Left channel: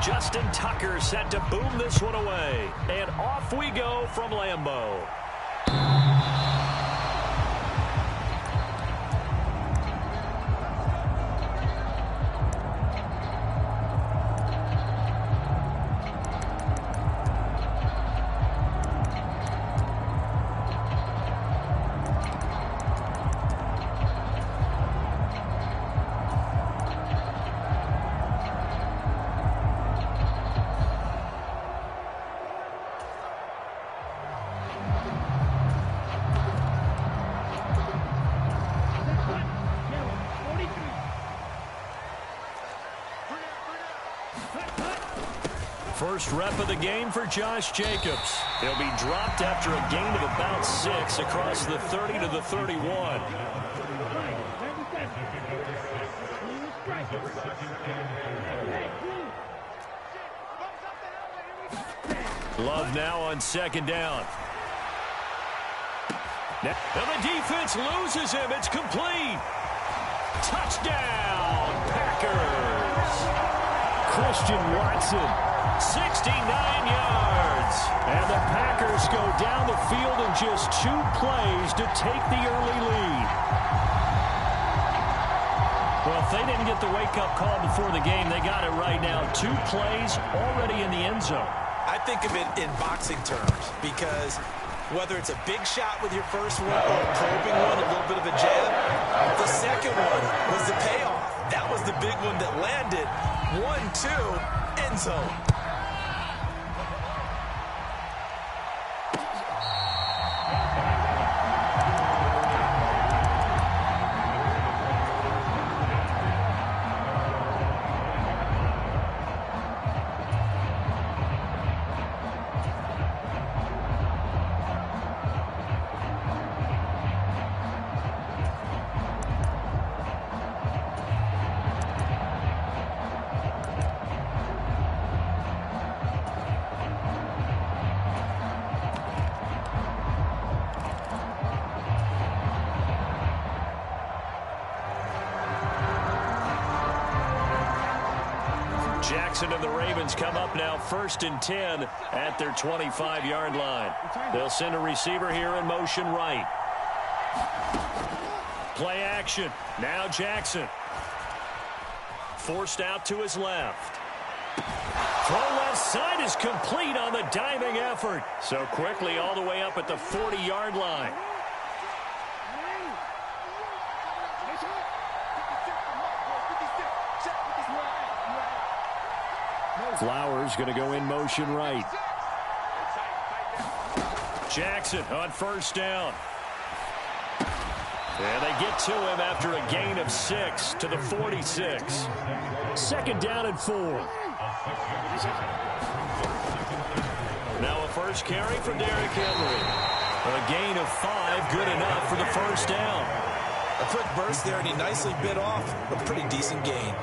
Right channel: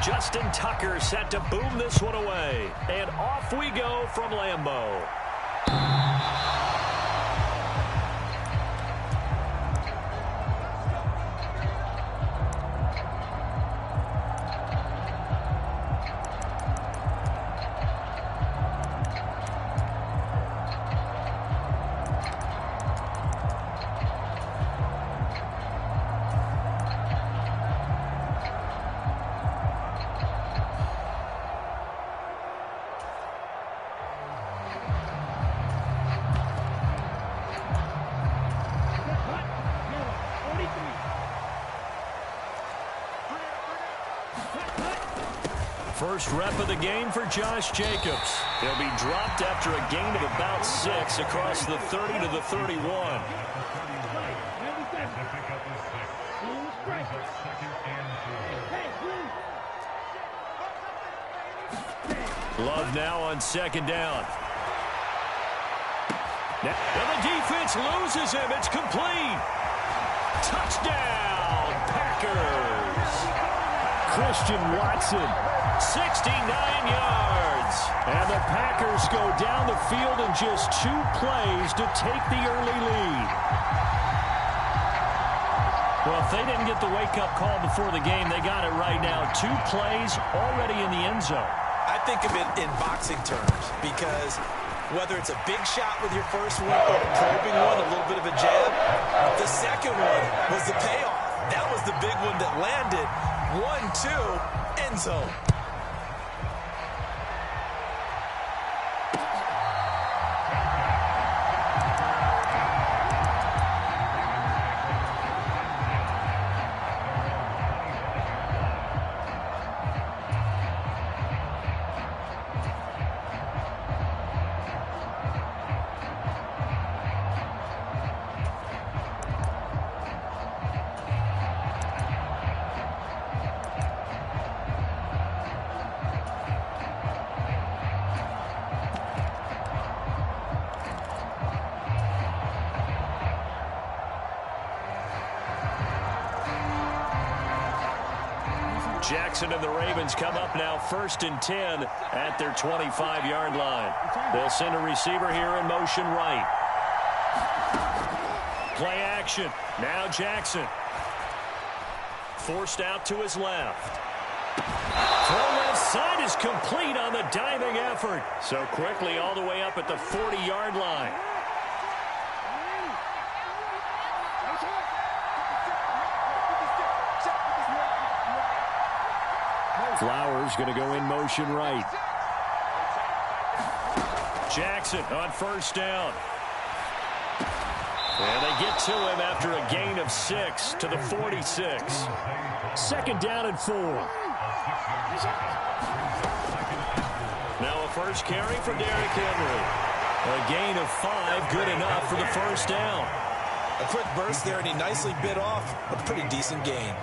Justin Tucker set to boom this one away. And off we go from Lambeau. First rep of the game for Josh Jacobs. He'll be dropped after a gain of about 6 across the 30 to the 31. Love now on second down. Now the defense loses him. It's complete. Touchdown, Packers. Christian Watson, 69 yards. And the Packers go down the field in just 2 plays to take the early lead. Well, if they didn't get the wake-up call before the game, they got it right now. 2 plays already in the end zone. I think of it in boxing terms because whether it's a big shot with your first one or a probing one, a little bit of a jab, the second one was the payoff. That was the big one that landed. 1-2, end zone. Jackson and the Ravens come up now 1st and 10 at their 25-yard line. They'll send a receiver here in motion right. Play action. Now Jackson. Forced out to his left. Throw left side is complete on the diving effort. So quickly all the way up at the 40-yard line. Flowers going to go in motion right. Jackson on first down. And they get to him after a gain of 6 to the 46. Second down and 4. Now a first carry for Derrick Henry. A gain of 5, good enough for the first down. A quick burst there, and he nicely bit off a pretty decent gain.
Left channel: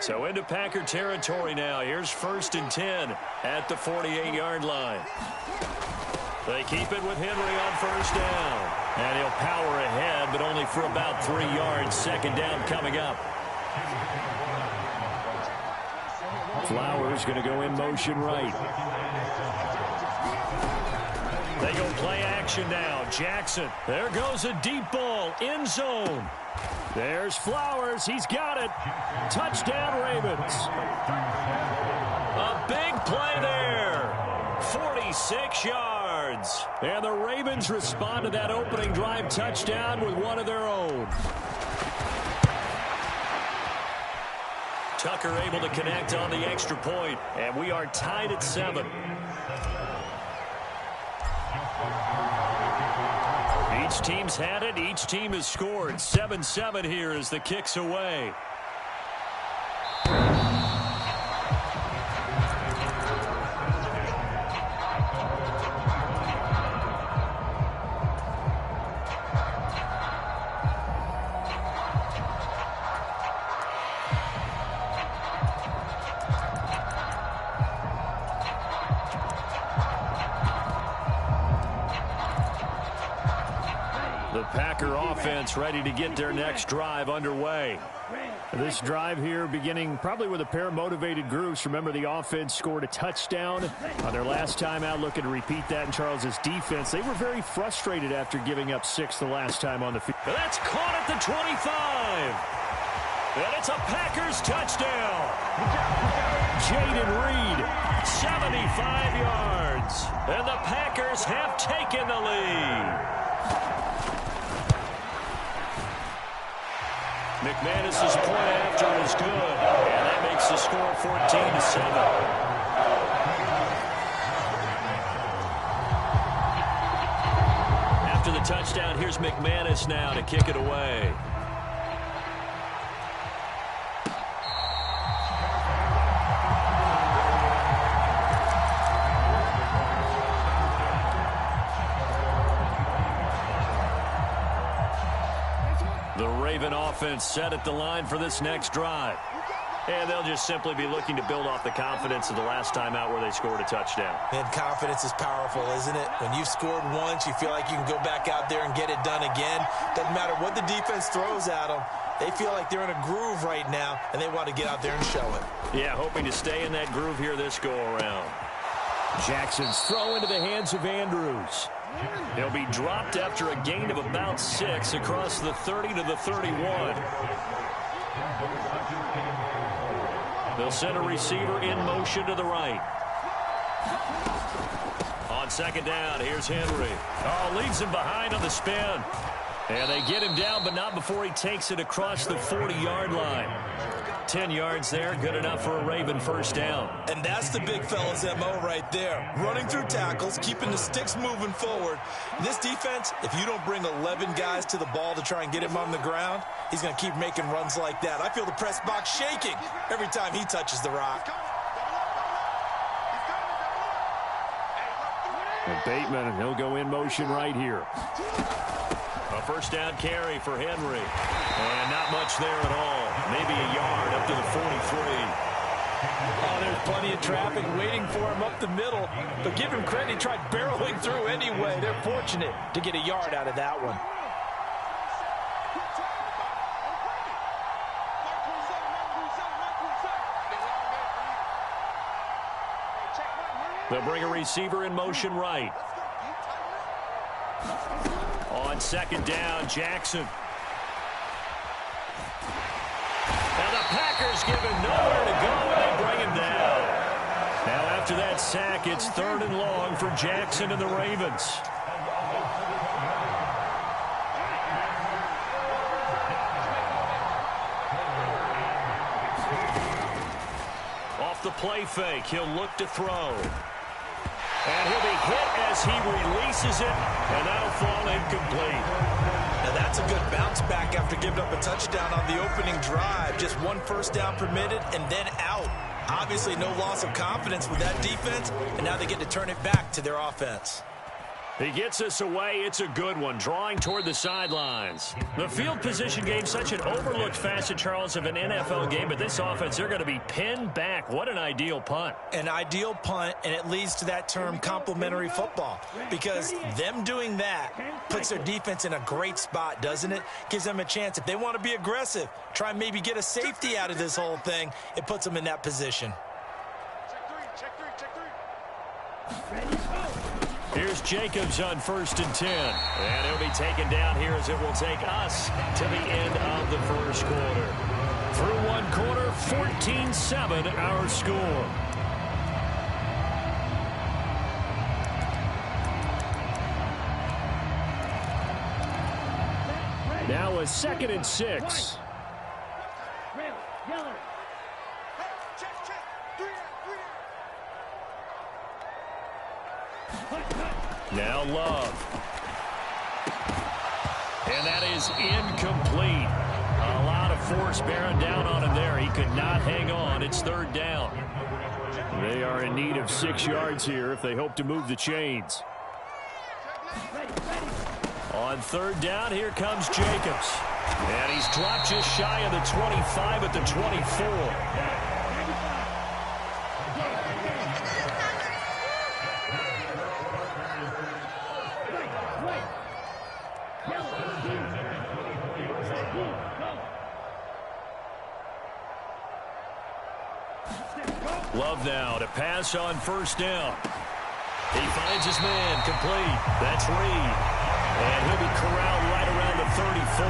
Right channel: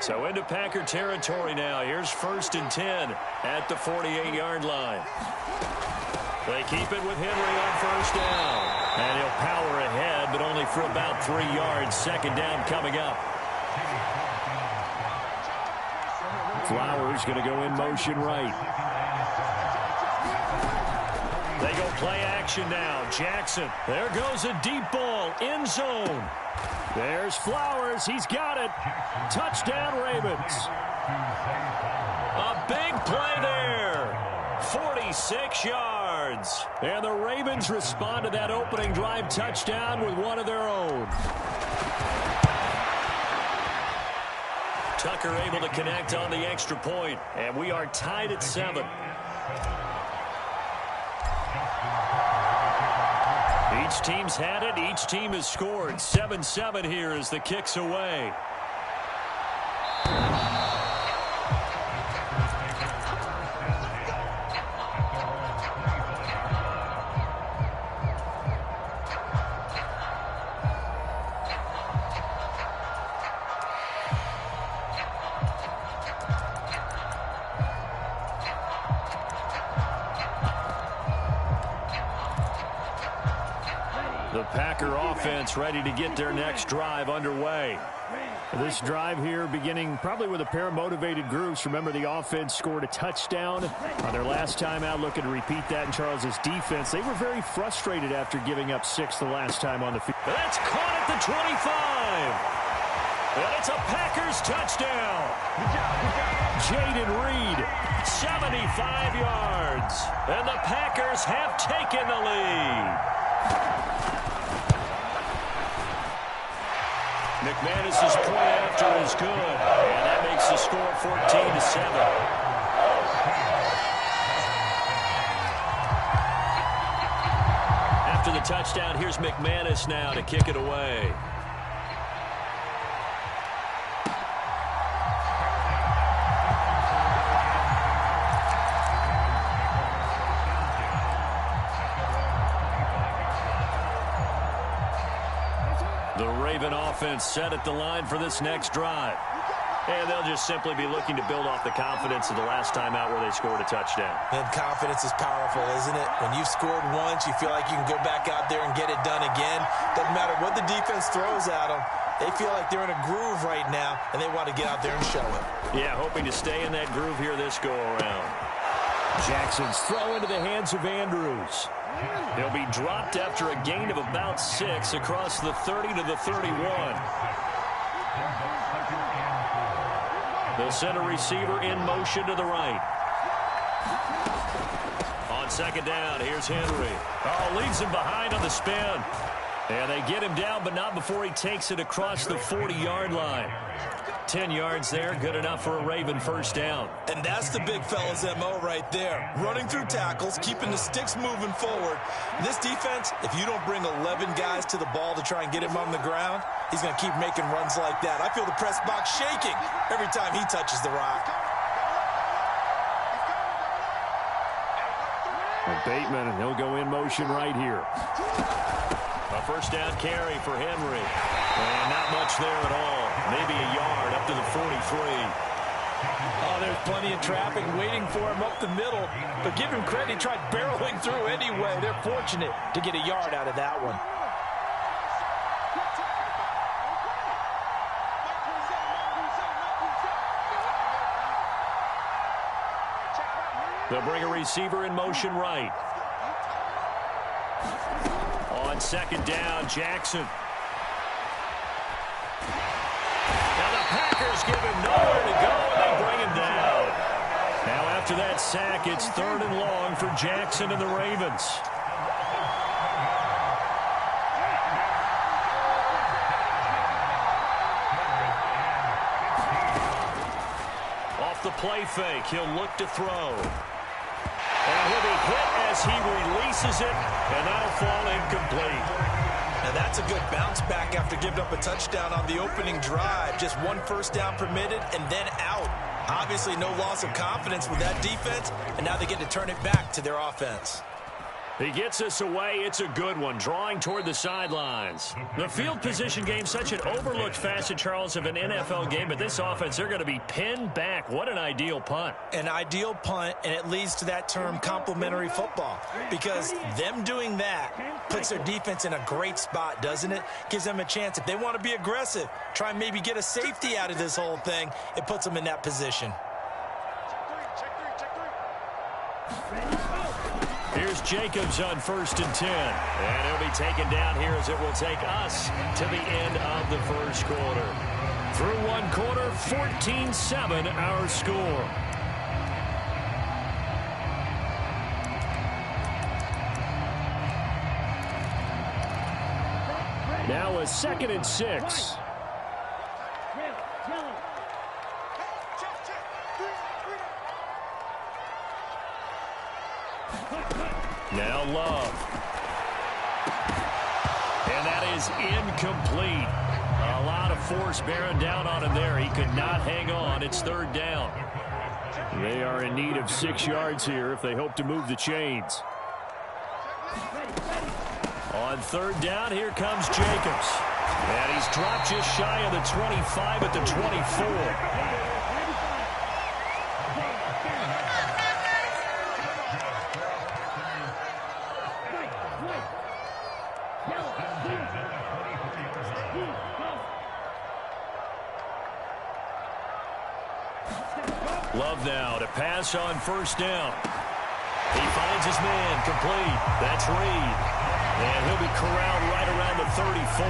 So into Packer territory now. Here's 1st and 10 at the 48-yard line. They keep it with Henry on first down. And he'll power ahead, but only for about 3 yards. Second down coming up. Flowers going to go in motion right. They go play action now. Jackson. There goes a deep ball. End zone. There's Flowers. He's got it. Touchdown, Ravens. A big play there. 46 yards. And the Ravens respond to that opening drive touchdown with one of their own. Tucker able to connect on the extra point. And we are tied at 7. Each team's had it. Each team has scored. 7-7 here as the kick's away. The Packer offense ready to get their next drive underway. This drive here beginning probably with a pair of motivated groups. Remember, the offense scored a touchdown on their last time out, looking to repeat that in Charles's defense. They were very frustrated after giving up 6 the last time on the field. That's caught at the 25. And it's a Packers touchdown. Jaden Reed, 75 yards. And the Packers have taken the lead. McManus's point after is good, and that makes the score 14-7. After the touchdown, here's McManus now to kick it away. The Raven offense set at the line for this next drive. And they'll just simply be looking to build off the confidence of the last time out where they scored a touchdown. And confidence is powerful, isn't it? When you've scored once, you feel like you can go back out there and get it done again. Doesn't matter what the defense throws at them. They feel like they're in a groove right now, and they want to get out there and show it. Yeah, hoping to stay in that groove here this go-around. Jackson's throw into the hands of Andrews. He'll be dropped after a gain of about 6 across the 30 to the 31. They'll send a receiver in motion to the right. On second down, here's Henry. Oh, leaves him behind on the spin. And they get him down, but not before he takes it across the 40-yard line. 10 yards there, good enough for a Raven first down. And that's the big fella's MO right there. Running through tackles, keeping the sticks moving forward. This defense, if you don't bring 11 guys to the ball to try and get him on the ground, he's going to keep making runs like that. I feel the press box shaking every time he touches the rock. And Bateman, and he'll go in motion right here. A first down carry for Henry. And not much there at all. Maybe a yard up to the 43. Oh, there's plenty of traffic waiting for him up the middle. But give him credit, he tried barreling through anyway. They're fortunate to get a yard out of that one. They'll bring a receiver in motion right. On second down, Jackson. Now the Packers give him nowhere to go, and they bring him down. Now after that sack, it's 3rd and long for Jackson and the Ravens. Off the play fake, he'll look to throw. And he'll be hit as he releases it, and that'll fall incomplete. Now that's a good bounce back after giving up a touchdown on the opening drive. Just 1 first down permitted and then out. Obviously no loss of confidence with that defense, and now they get to turn it back to their offense. He gets us away. It's a good one, drawing toward the sidelines. The field position game, such an overlooked facet, Charles, of an NFL game, but this offense, they're going to be pinned back. What an ideal punt. An ideal punt, and it leads to that term complementary football, because them doing that puts their defense in a great spot, doesn't it? Gives them a chance. If they want to be aggressive, try and maybe get a safety out of this whole thing, it puts them in that position. Here's Jacobs on 1st and 10. And he'll be taken down here as it will take us to the end of the first quarter. Through 1 quarter, 14-7 our score. Now a 2nd and 6. Now Love. And that is incomplete. A lot of force bearing down on him there. He could not hang on. It's 3rd down. They are in need of 6 yards here if they hope to move the chains. On 3rd down, here comes Jacobs. And he's dropped just shy of the 25 at the 24. Love now to pass on first down. He finds his man, complete. That's Reed. And he'll be corralled right around the 34.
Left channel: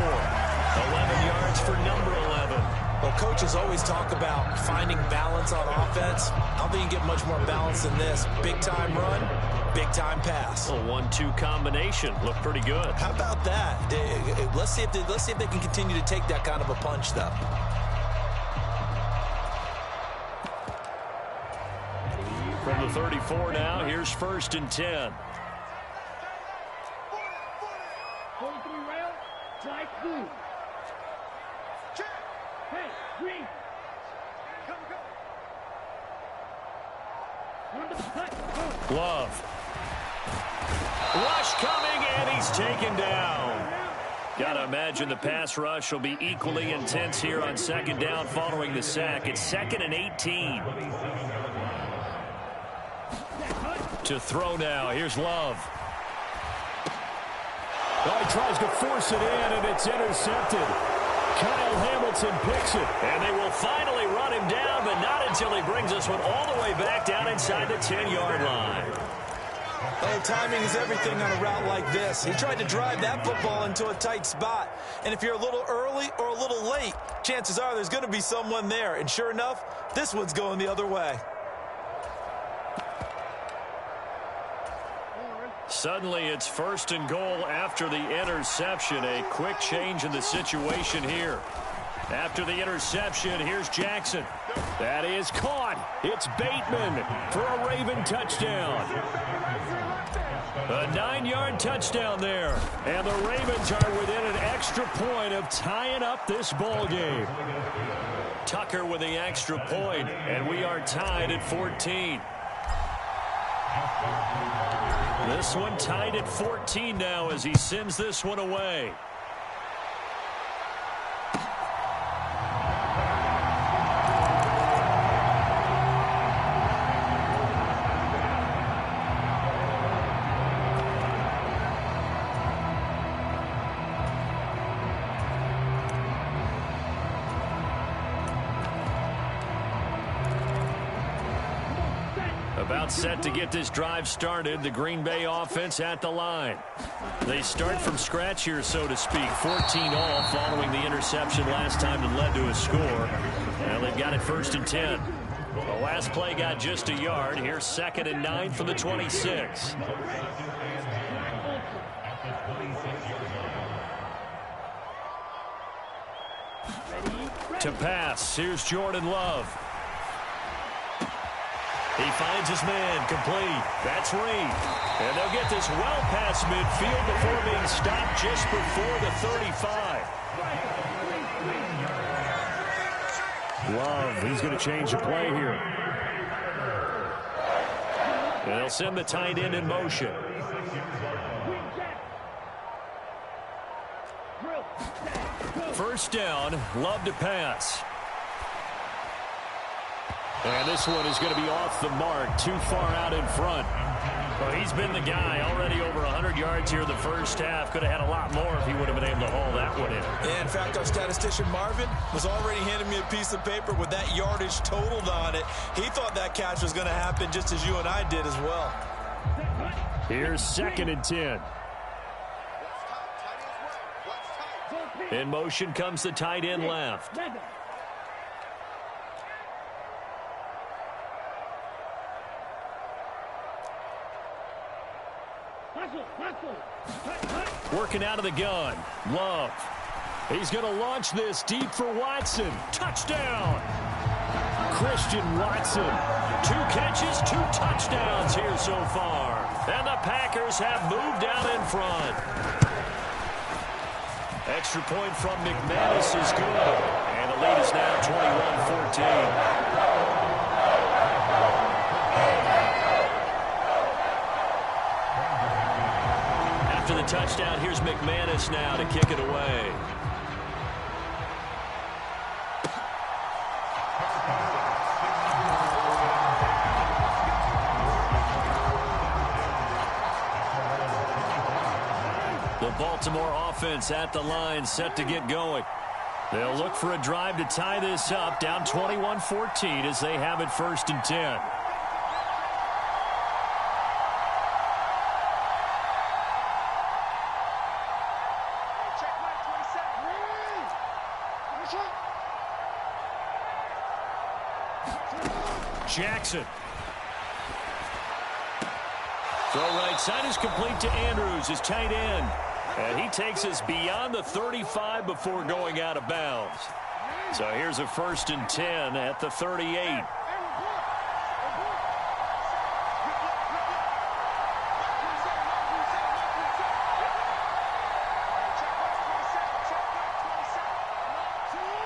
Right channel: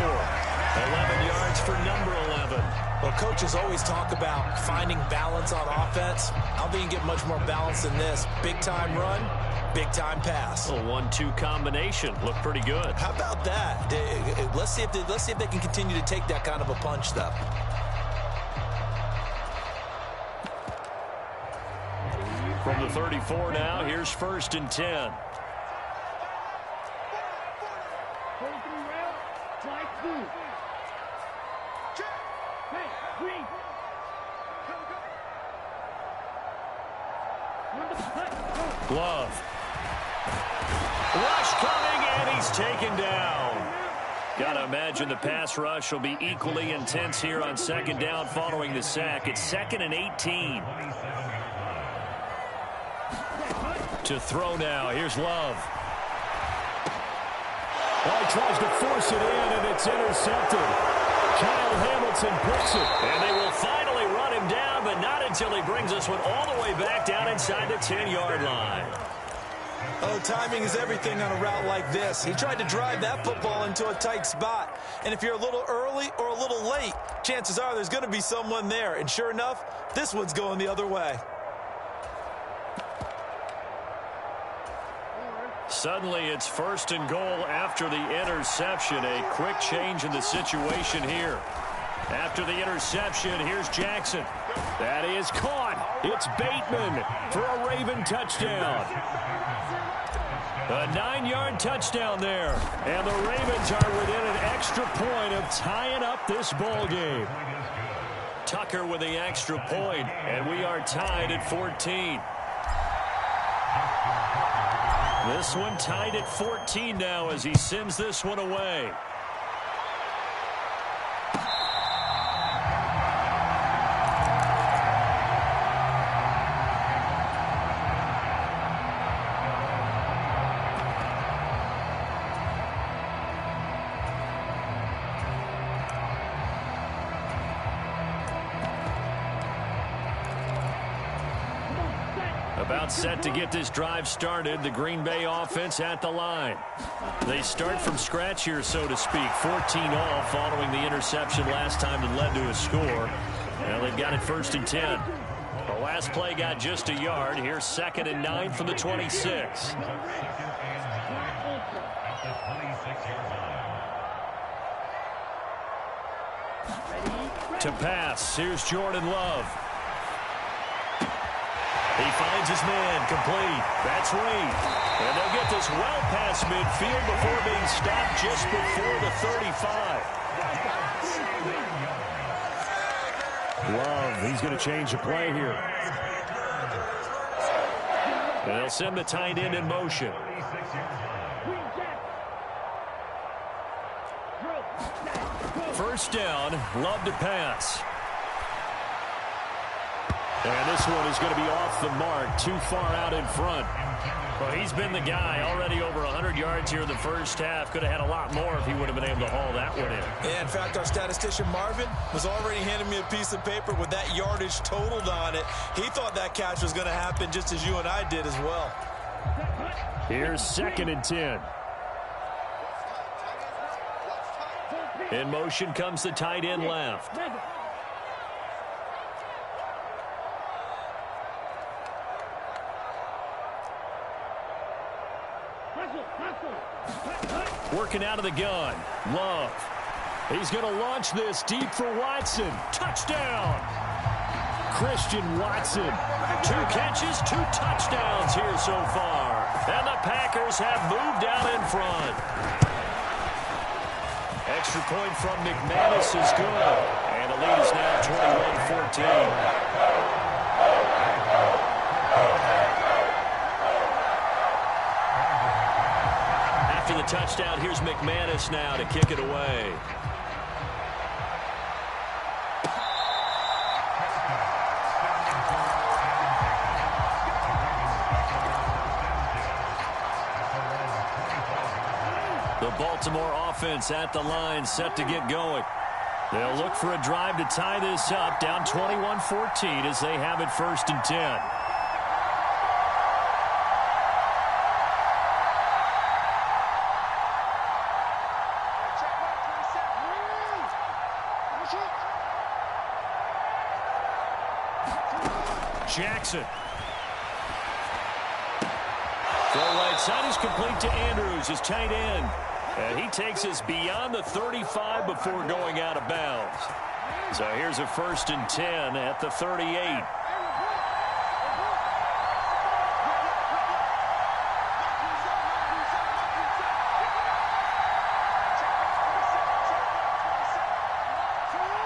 11 yards for number 11. Well, coaches always talk about finding balance on offense. I don't think you can get much more balance than this. Big-time run, big-time pass. A 1-2 combination. Looked pretty good. How about that? Let's see if they can continue to take that kind of a punch, though. From the 34 now, here's 1st and 10. 43 rail, strike through. Hey, Green. Come. Love. Rush coming, and he's taken down. Got to imagine the pass rush will be equally intense here on 2nd down following the sack. It's 2nd and 18. To throw now. Here's Love. Oh, he tries to force it in, and it's intercepted. Kyle Hamilton picks it. And they will finally run him down, but not until he brings this one all the way back down inside the 10-yard line. Oh, timing is everything on a route like this. He tried to drive that football into a tight spot. And if you're a little early or a little late, chances are there's going to be someone there. And sure enough, this one's going the other way. Suddenly, it's 1st and goal after the interception. A quick change in the situation here. After the interception, here's Jackson. That is caught. It's Bateman for a Raven touchdown. A 9-yard touchdown there. And the Ravens are within an extra point of tying up this ball game. Tucker with the extra point, and we are tied at 14. This one tied at 14 now as he sends this one away. About set to get this drive started. The Green Bay offense at the line. They start from scratch here, so to speak. 14 all following the interception last time that led to a score. Well, they've got it 1st and 10. The last play got just a yard. Here's 2nd and 9 from the 26. To pass, here's Jordan Love. He finds his man, complete. That's Reed. And they'll get this well past midfield before being stopped just before the 35. Love, he's going to change the play here. And they'll send the tight end in motion. First down, Love to pass. And this one is going to be off the mark, too far out in front. Well, he's been the guy, already over 100 yards here in the first half. Could have had a lot more if he would have been able to haul that one in. Yeah, in fact, our statistician Marvin was already handing me a piece of paper with that yardage totaled on it. He thought that catch was going to happen just as you and I did as well. Here's 2nd and 10. In motion comes the tight end left. Working out of the gun. Love. He's going to launch this deep for Watson. Touchdown. Christian Watson. 2 catches, 2 touchdowns here so far. And the Packers have moved out in front. Extra point from McManus is good. And the lead is now 21-14. After the touchdown, here's McManus now to kick it away. The Baltimore offense at the line, set to get going. They'll look for a drive to tie this up, down 21-14 as they have it 1st and 10. Jackson. Throw right side is complete to Andrews, his tight end. And he takes us beyond the 35 before going out of bounds. So here's a 1st and 10 at the 38.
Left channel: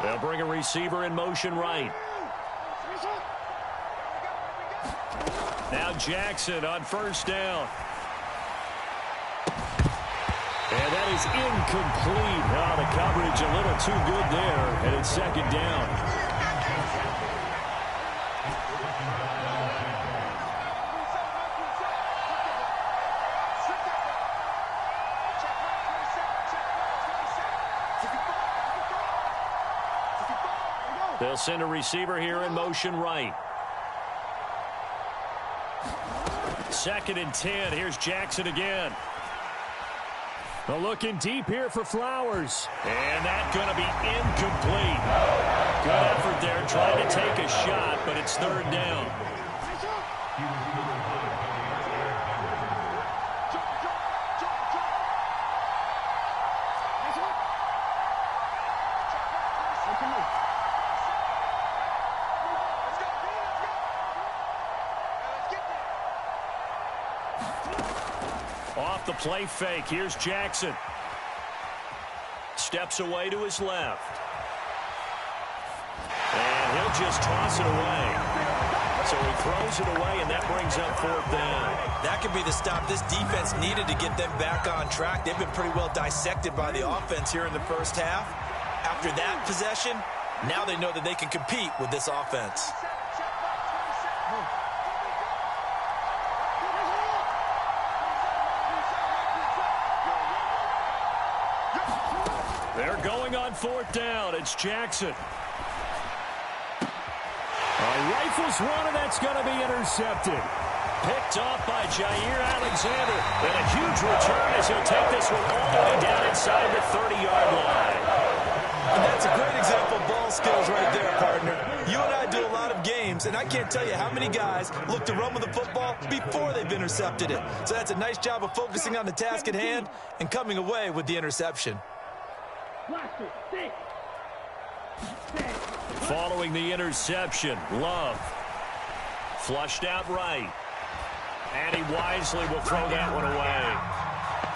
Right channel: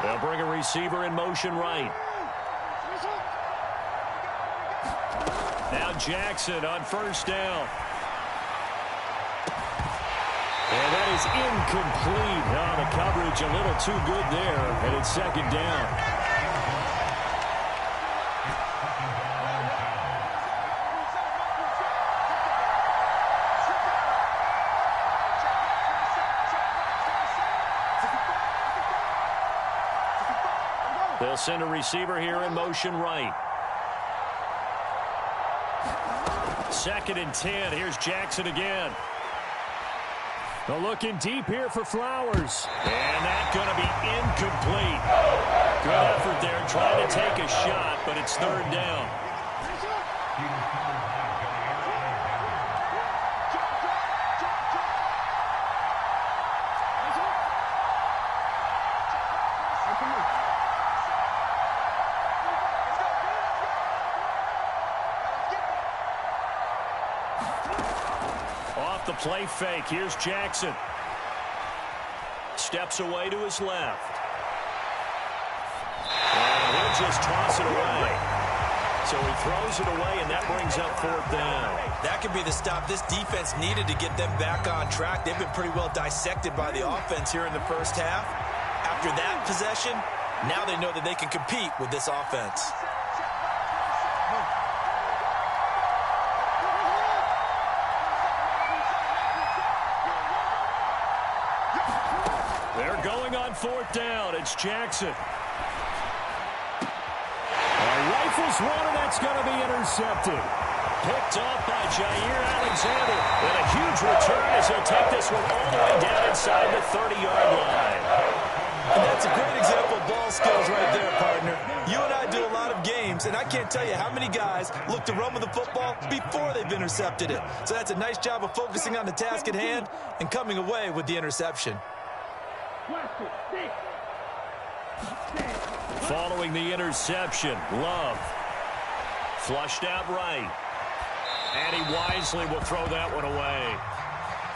They'll bring a receiver in motion right. Now Jackson on 1st down. And that is incomplete. Oh, the coverage a little too good there, and it's 2nd down. They'll send a receiver here in motion right. 2nd and 10. Here's Jackson again. They're looking deep here for Flowers. And that's going to be incomplete. Good effort there trying to take a shot, but it's 3rd down. Off the play fake. Here's Jackson. Steps away to his left. And he'll just toss it away. So he throws it away, and that brings up 4th down. That could be the stop this defense needed to get them back on track. They've been pretty well dissected by the offense here in the 1st half. After that possession, now they know that they can compete with this offense. They're going on 4th down. It's Jackson. Rifles one, and that's going to be intercepted. Picked off by Jair Alexander. And a huge return as he'll take this one all the way down inside the 30-yard line. And that's a great example of ball skills right there, partner. You and I do a lot of games, and I can't tell you how many guys look to run with the football before they've intercepted it. So that's a nice job of focusing on the task at hand and coming away with the interception. Following the interception, Love flushed out right. And he wisely will throw that one away.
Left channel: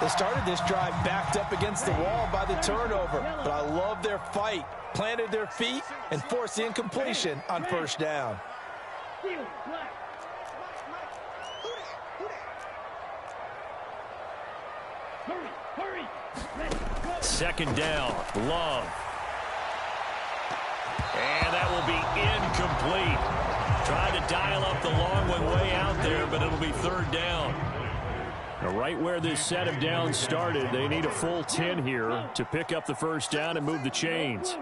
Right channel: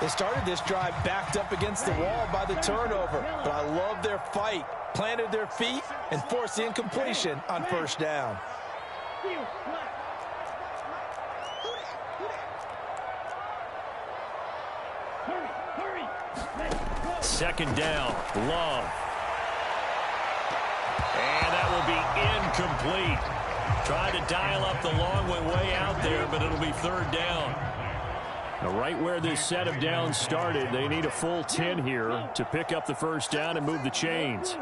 They started this drive backed up against the wall by the turnover, but I love their fight. Planted their feet and forced the incompletion on 1st down. Hurry. 2nd down, Love. And that will be incomplete. Tried to dial up the long one way out there, but it'll be 3rd down. Now, right where this set of downs started, they need a full 10 here to pick up the 1st down and move the chains.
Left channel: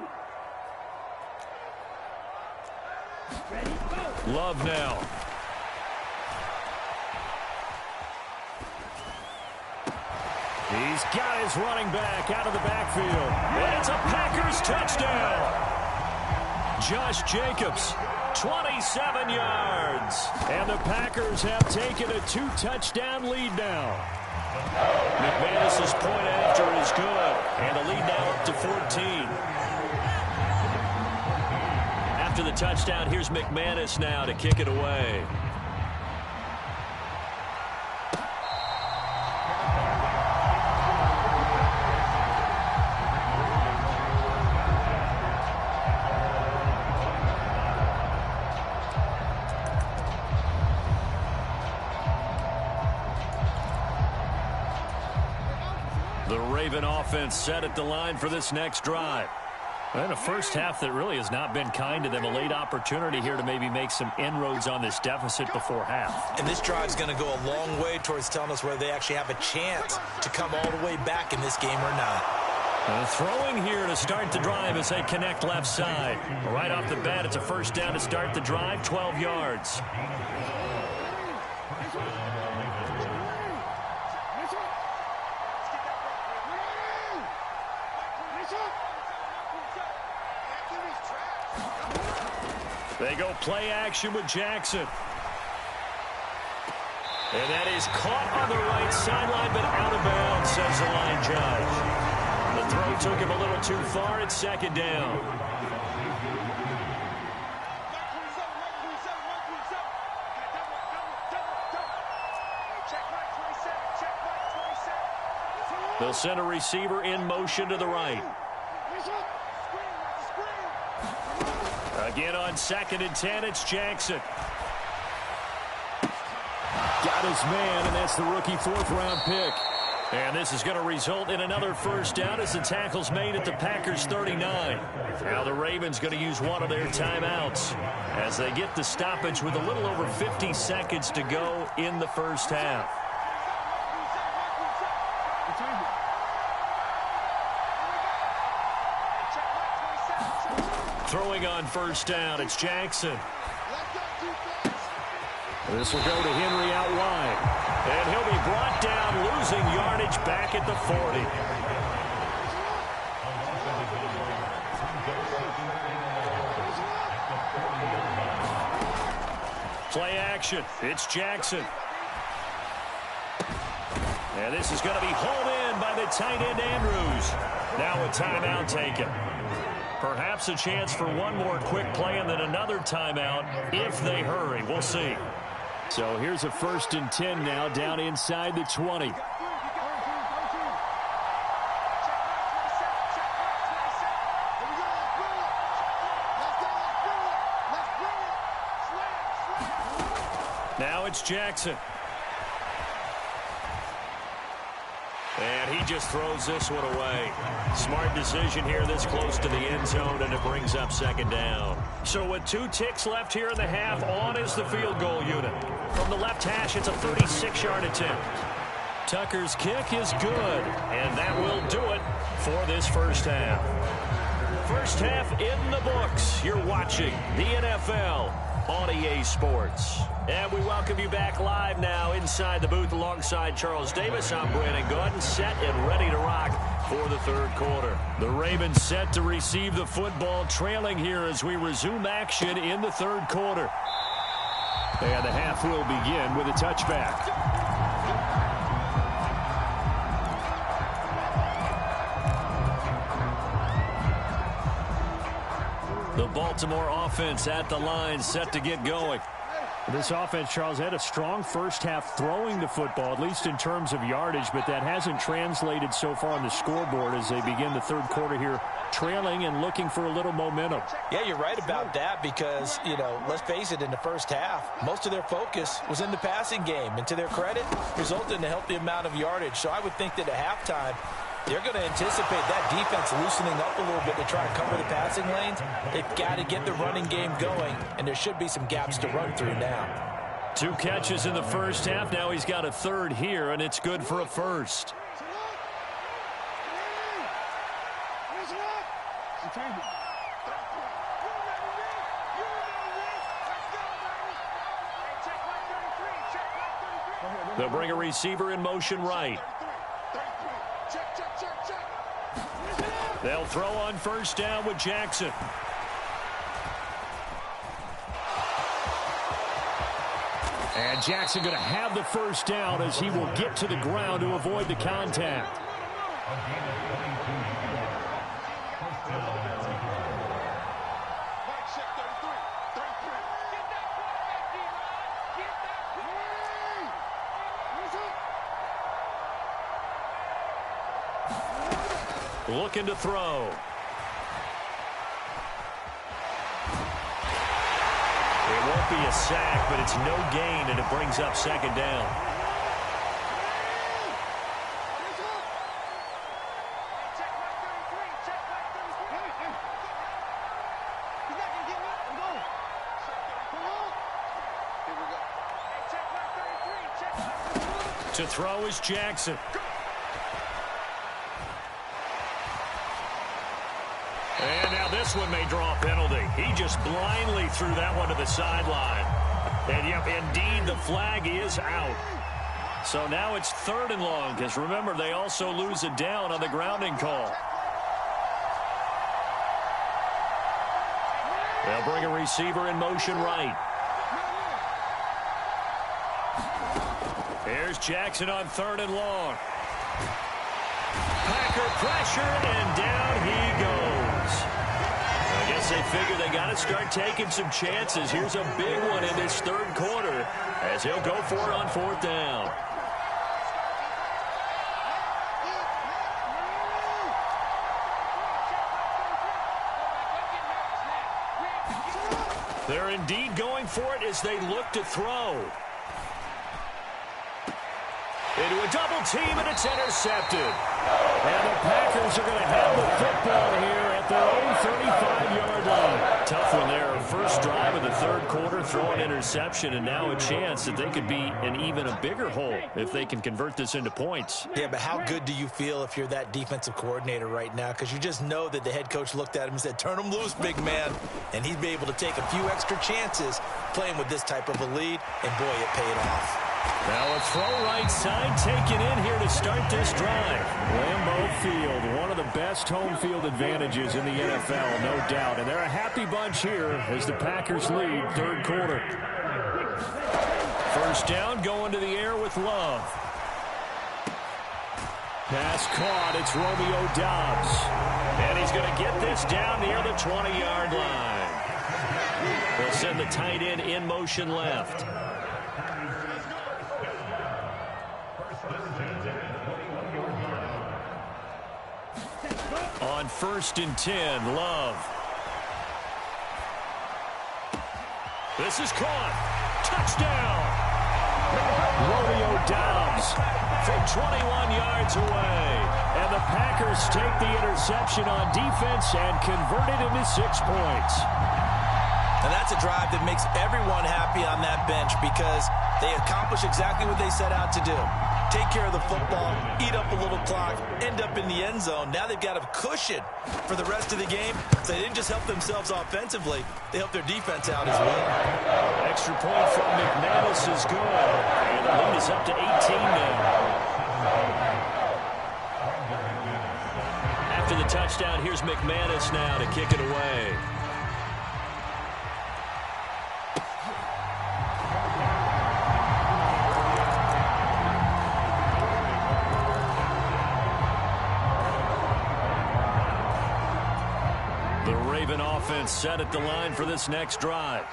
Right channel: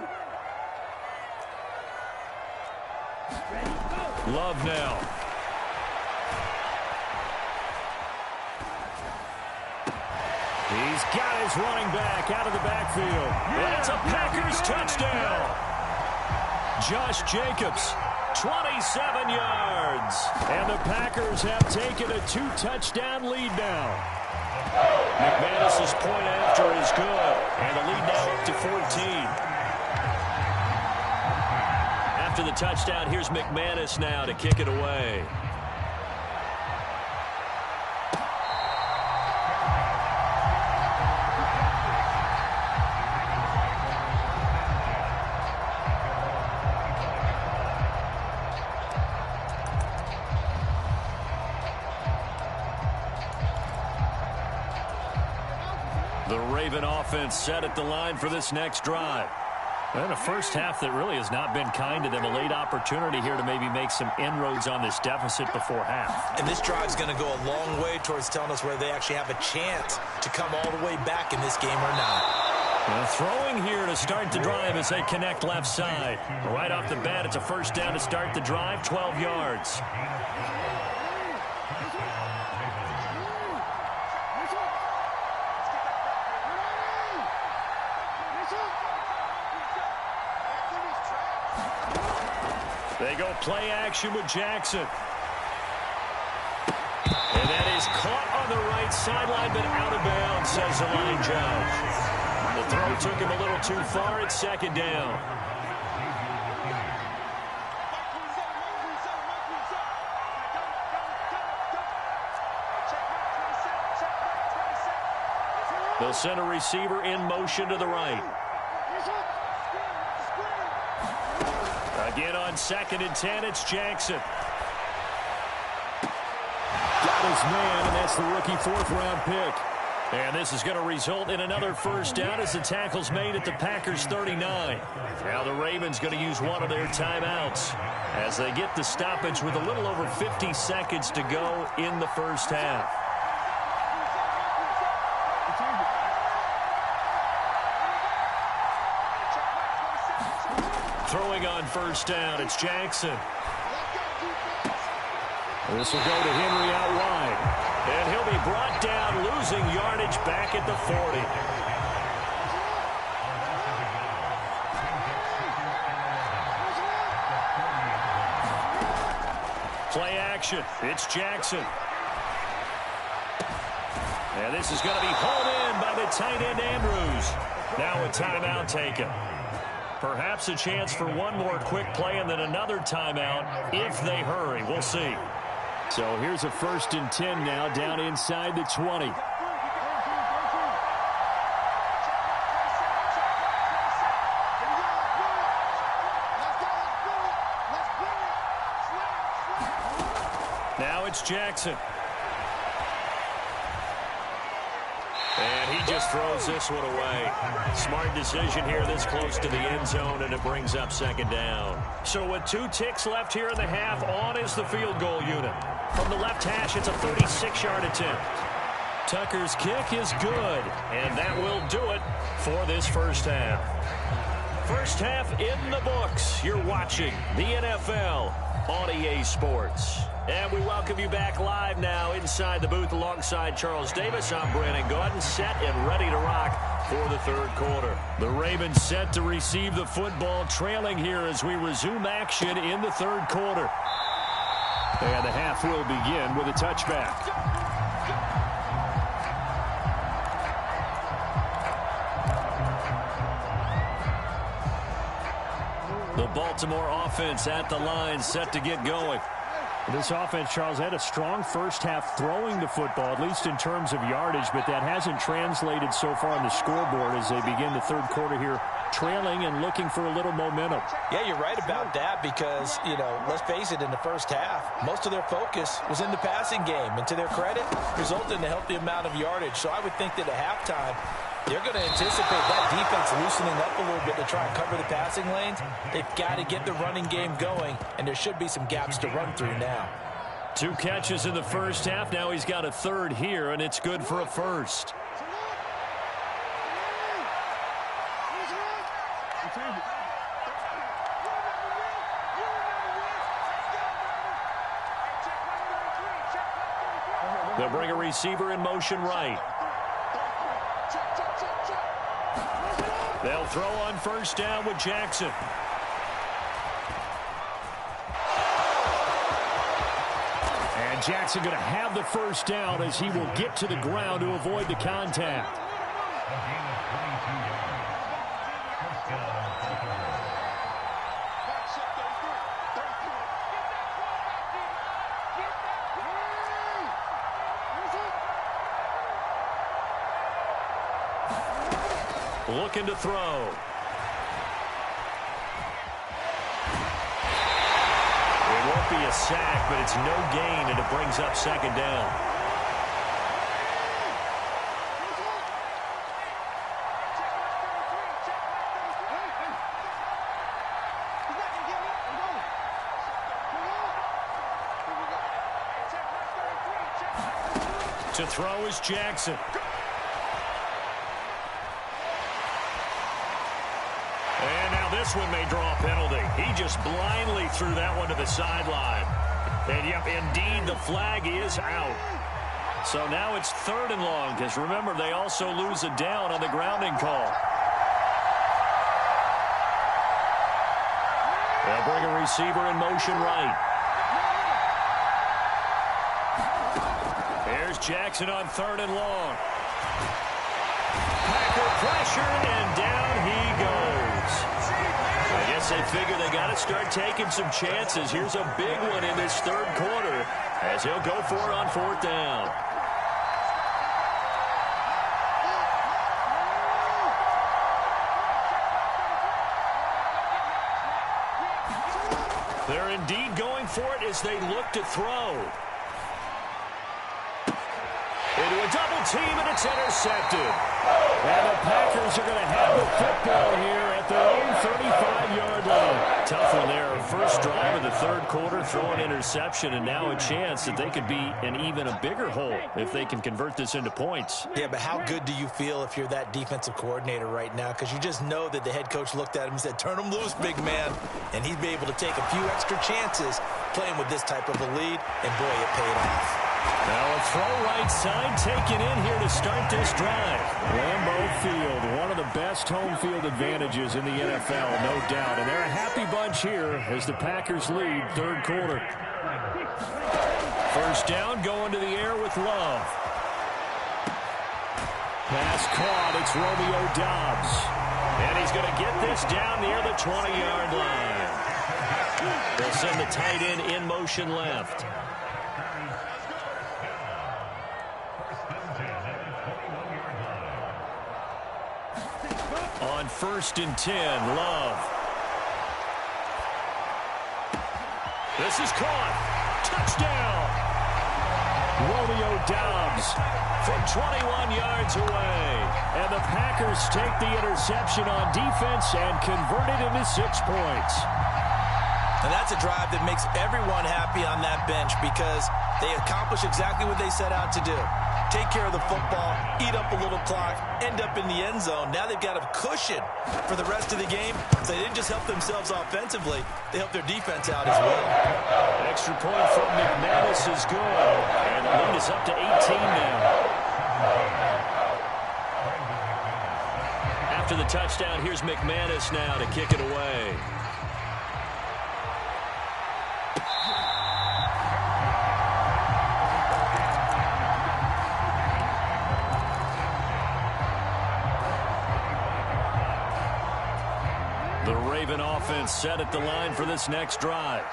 Love now. He's got his running back out of the backfield. And it's a Packers touchdown. Josh Jacobs, 27 yards. And the Packers have taken a 2-touchdown lead now. McManus's point after is good. And the lead now up to 14. After the touchdown, here's McManus now to kick it away. The Raven offense set at the line for this next drive. And a 1st half that really has not been kind to them. A late opportunity here to maybe make some inroads on this deficit before half. And this drive is going to go a long way towards telling us whether they actually have a chance to come all the way back in this game or not. Throwing here to start the drive as they connect left side. Right off the bat, it's a first down to start the drive, 12 yards. They go play action with Jackson. And that is caught on the right sideline, but out of bounds, says the line judge. The throw took him a little too far. It's second down. They'll send a receiver in motion to the right. Again on 2nd and 10, it's Jackson. Got his man, and that's the rookie 4th-round pick. And this is going to result in another first down as the tackle's made at the Packers' 39. Now the Ravens going to use one of their timeouts as they get the stoppage with a little over 50 seconds to go in the first half. Throwing on first down, it's Jackson. This will go to Henry out wide. And he'll be brought down, losing yardage back at the 40. Play action. It's Jackson. And this is going to be hauled in by the tight end, Andrews. Now a timeout taken. Perhaps a chance for one more quick play and then another timeout if they hurry. We'll see. So here's a 1st and 10 now down inside the 20. Now it's Jackson. And he just throws this one away. Smart decision here this close to the end zone, and it brings up 2nd down. So with 2 ticks left here in the half, on is the field goal unit. From the left hash, it's a 36-yard attempt. Tucker's kick is good, and that will do it for this first half. First half in the books. You're watching the NFL on EA Sports. And we welcome you back live now inside the booth alongside Charles Davis. I'm Brandon Gaudin, set and ready to rock for the 3rd quarter. The Ravens set to receive the football, trailing here as we resume action in the 3rd quarter. And the half will begin with a touchback. The Baltimore offense at the line, set to get going. This offense, Charles, had a strong first half throwing the football, at least in terms of yardage, but that hasn't translated so far on the scoreboard as they begin the 3rd quarter here, trailing and looking for a little momentum. Yeah, you're right about that because, you know, let's face it, in the first half, most of their focus was in the passing game. And to their credit, resulted in a healthy amount of yardage. So I would think that at halftime, they're going to anticipate that defense loosening up a little bit to try and cover the passing lanes. They've got to get the running game going, and there should be some gaps to run through now. 2 catches in the first half. Now he's got a 3rd here, and it's good for a first. They'll bring a receiver in motion right. They'll throw on first down with Jackson. And Jackson going to have the first down as he will get to the ground to avoid the contact. Looking to throw. It won't be a sack, but it's no gain, and it brings up 2nd down. To throw is Jackson. And now this one may draw a penalty. He just blindly threw that one to the sideline. And, yep, indeed, the flag is out. So now it's 3rd and long, because remember, they also lose a down on the grounding call. They'll bring a receiver in motion right. Here's Jackson on 3rd and long. Packer pressure, and down he goes. I guess they figure they got to start taking some chances. Here's a big one in this 3rd quarter as he'll go for it on 4th down. They're indeed going for it as they look to throw. Into a double team, and it's intercepted. And the Packers are going to have the football here at their own 35-yard line. Tough one there. First drive of the 3rd quarter, throw an interception, and now a chance that they could be in even a bigger hole if they can convert this into points. Yeah, but how good do you feel if you're that defensive coordinator right now? Because you just know that the head coach looked at him and said, turn him loose, big man. And he'd be able to take a few extra chances playing with this type of a lead, and boy, it paid off. Now a throw right side taken in here to start this drive. Lambeau Field, one of the best home field advantages in the NFL, no doubt. And they're a happy bunch here as the Packers lead 3rd quarter. First down, going to the air with Love. Pass caught, it's Romeo Doubs. And he's going to get this down near the 20-yard line. They'll send the tight end in motion left. On 1st and 10, Love. This is caught. Touchdown. Romeo Doubs from 21 yards away. And the Packers take the interception on defense and convert it into 6 points. And that's a drive that makes everyone happy on that bench because they accomplish exactly what they set out to do. Take care of the football, eat up a little clock, end up in the end zone. Now they've got a cushion for the rest of the game. So they didn't just help themselves offensively, they helped their defense out as well. Extra point from McManus is good. And the lead is up to 18 now. After the touchdown, here's McManus now to kick it away. The Raven offense set at the line for this next drive.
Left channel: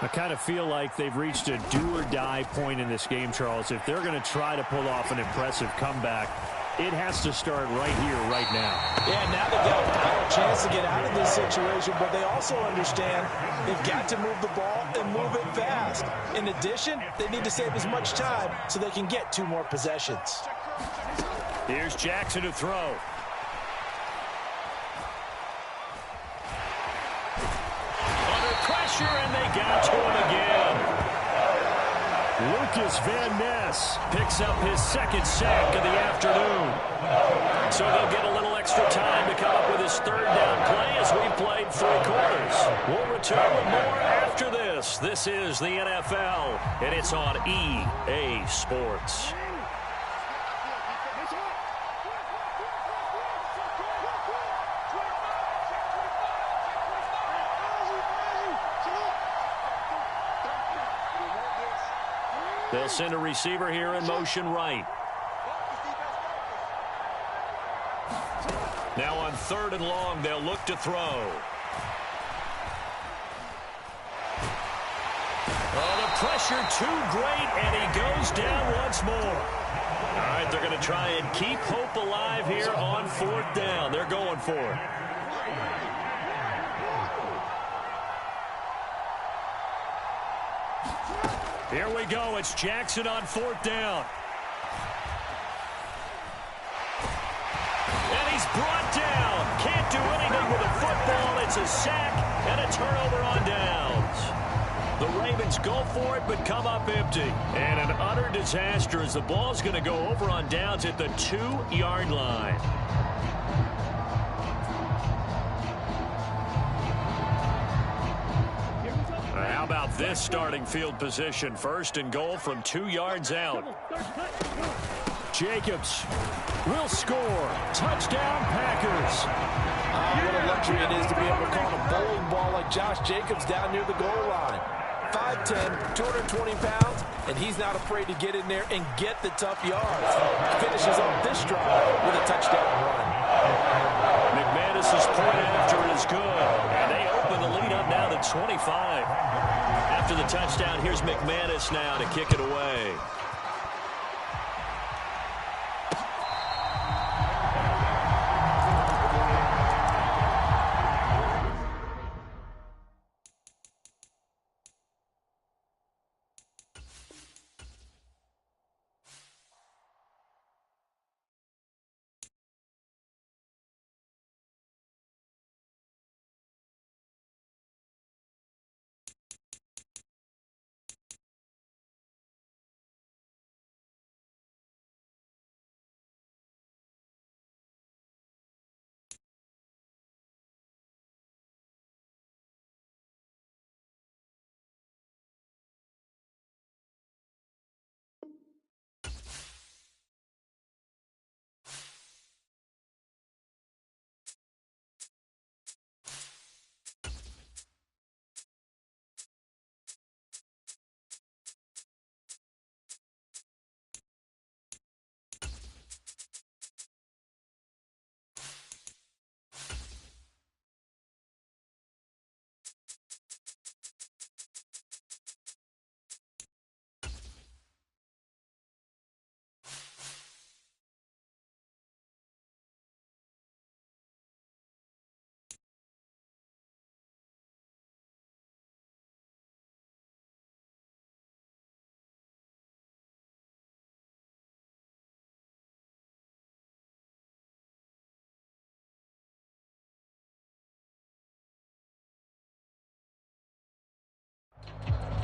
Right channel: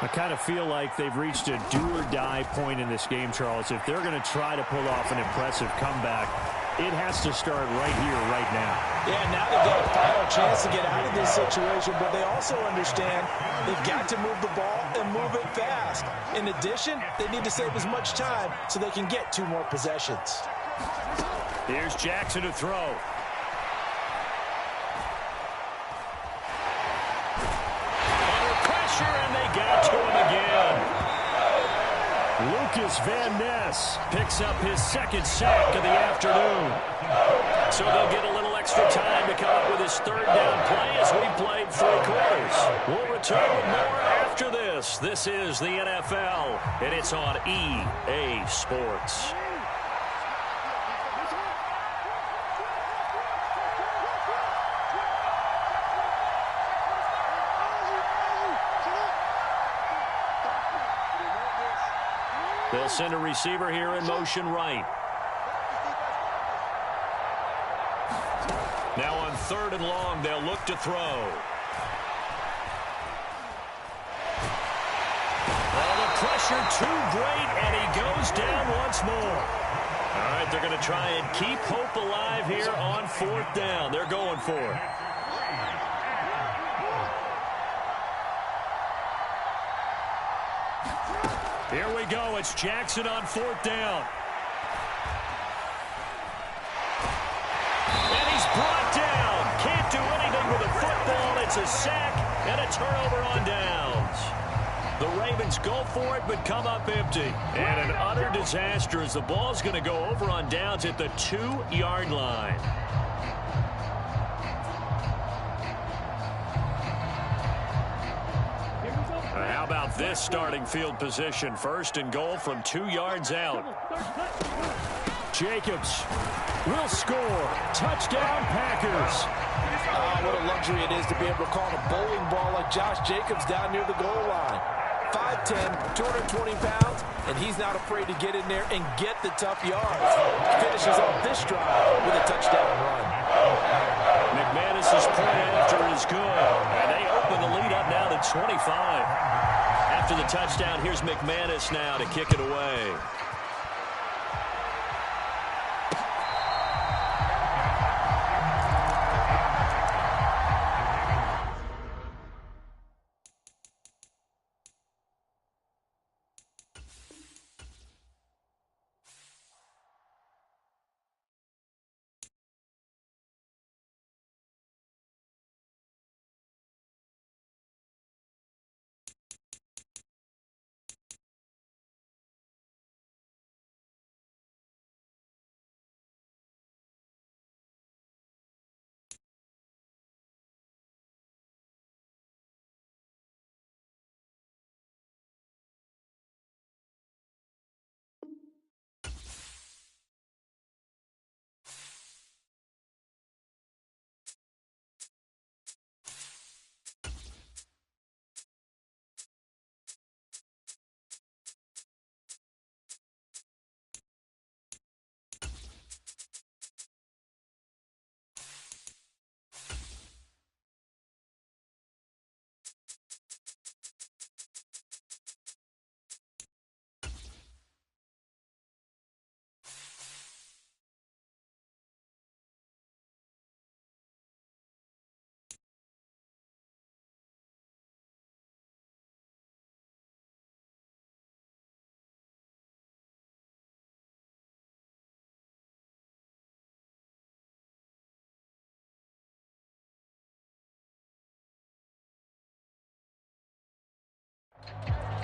I kind of feel like they've reached a do-or-die point in this game, Charles. If they're going to try to pull off an impressive comeback, it has to start right here, right now. Yeah, now they've got a final chance to get out of this situation, but they also understand they've got to move the ball and move it fast. In addition, they need to save as much time so they can get 2 more possessions. Here's Jackson to throw. And they got to him again. Lucas Van Ness picks up his 2nd sack of the afternoon. So they'll get a little extra time to come up with his 3rd down play as we've played 3 quarters. We'll return with more after this. This is the NFL, and it's on EA Sports. They'll send a receiver here in motion right. Now on 3rd and long, they'll look to throw. Oh, the pressure too great, and he goes down once more. All right, they're going to try and keep hope alive here on 4th down. They're going for it. Here we go. It's Jackson on 4th down. And he's brought down. Can't do anything with the football. It's a sack and a turnover on downs. The Ravens go for it but come up empty. And an utter disaster as the ball's going to go over on downs at the 2-yard line. How about this starting field position? First and goal from 2 yards out. Jacobs will score. Touchdown, Packers. What a luxury it is to be able to call a bowling ball like Josh Jacobs down near the goal line. 5'10", 220 pounds, and he's not afraid to get in there and get the tough yards. Finishes off this drive with a touchdown run. McManus's point after is good, and they open the lead up now to 25. After the touchdown, here's McManus now to kick it away.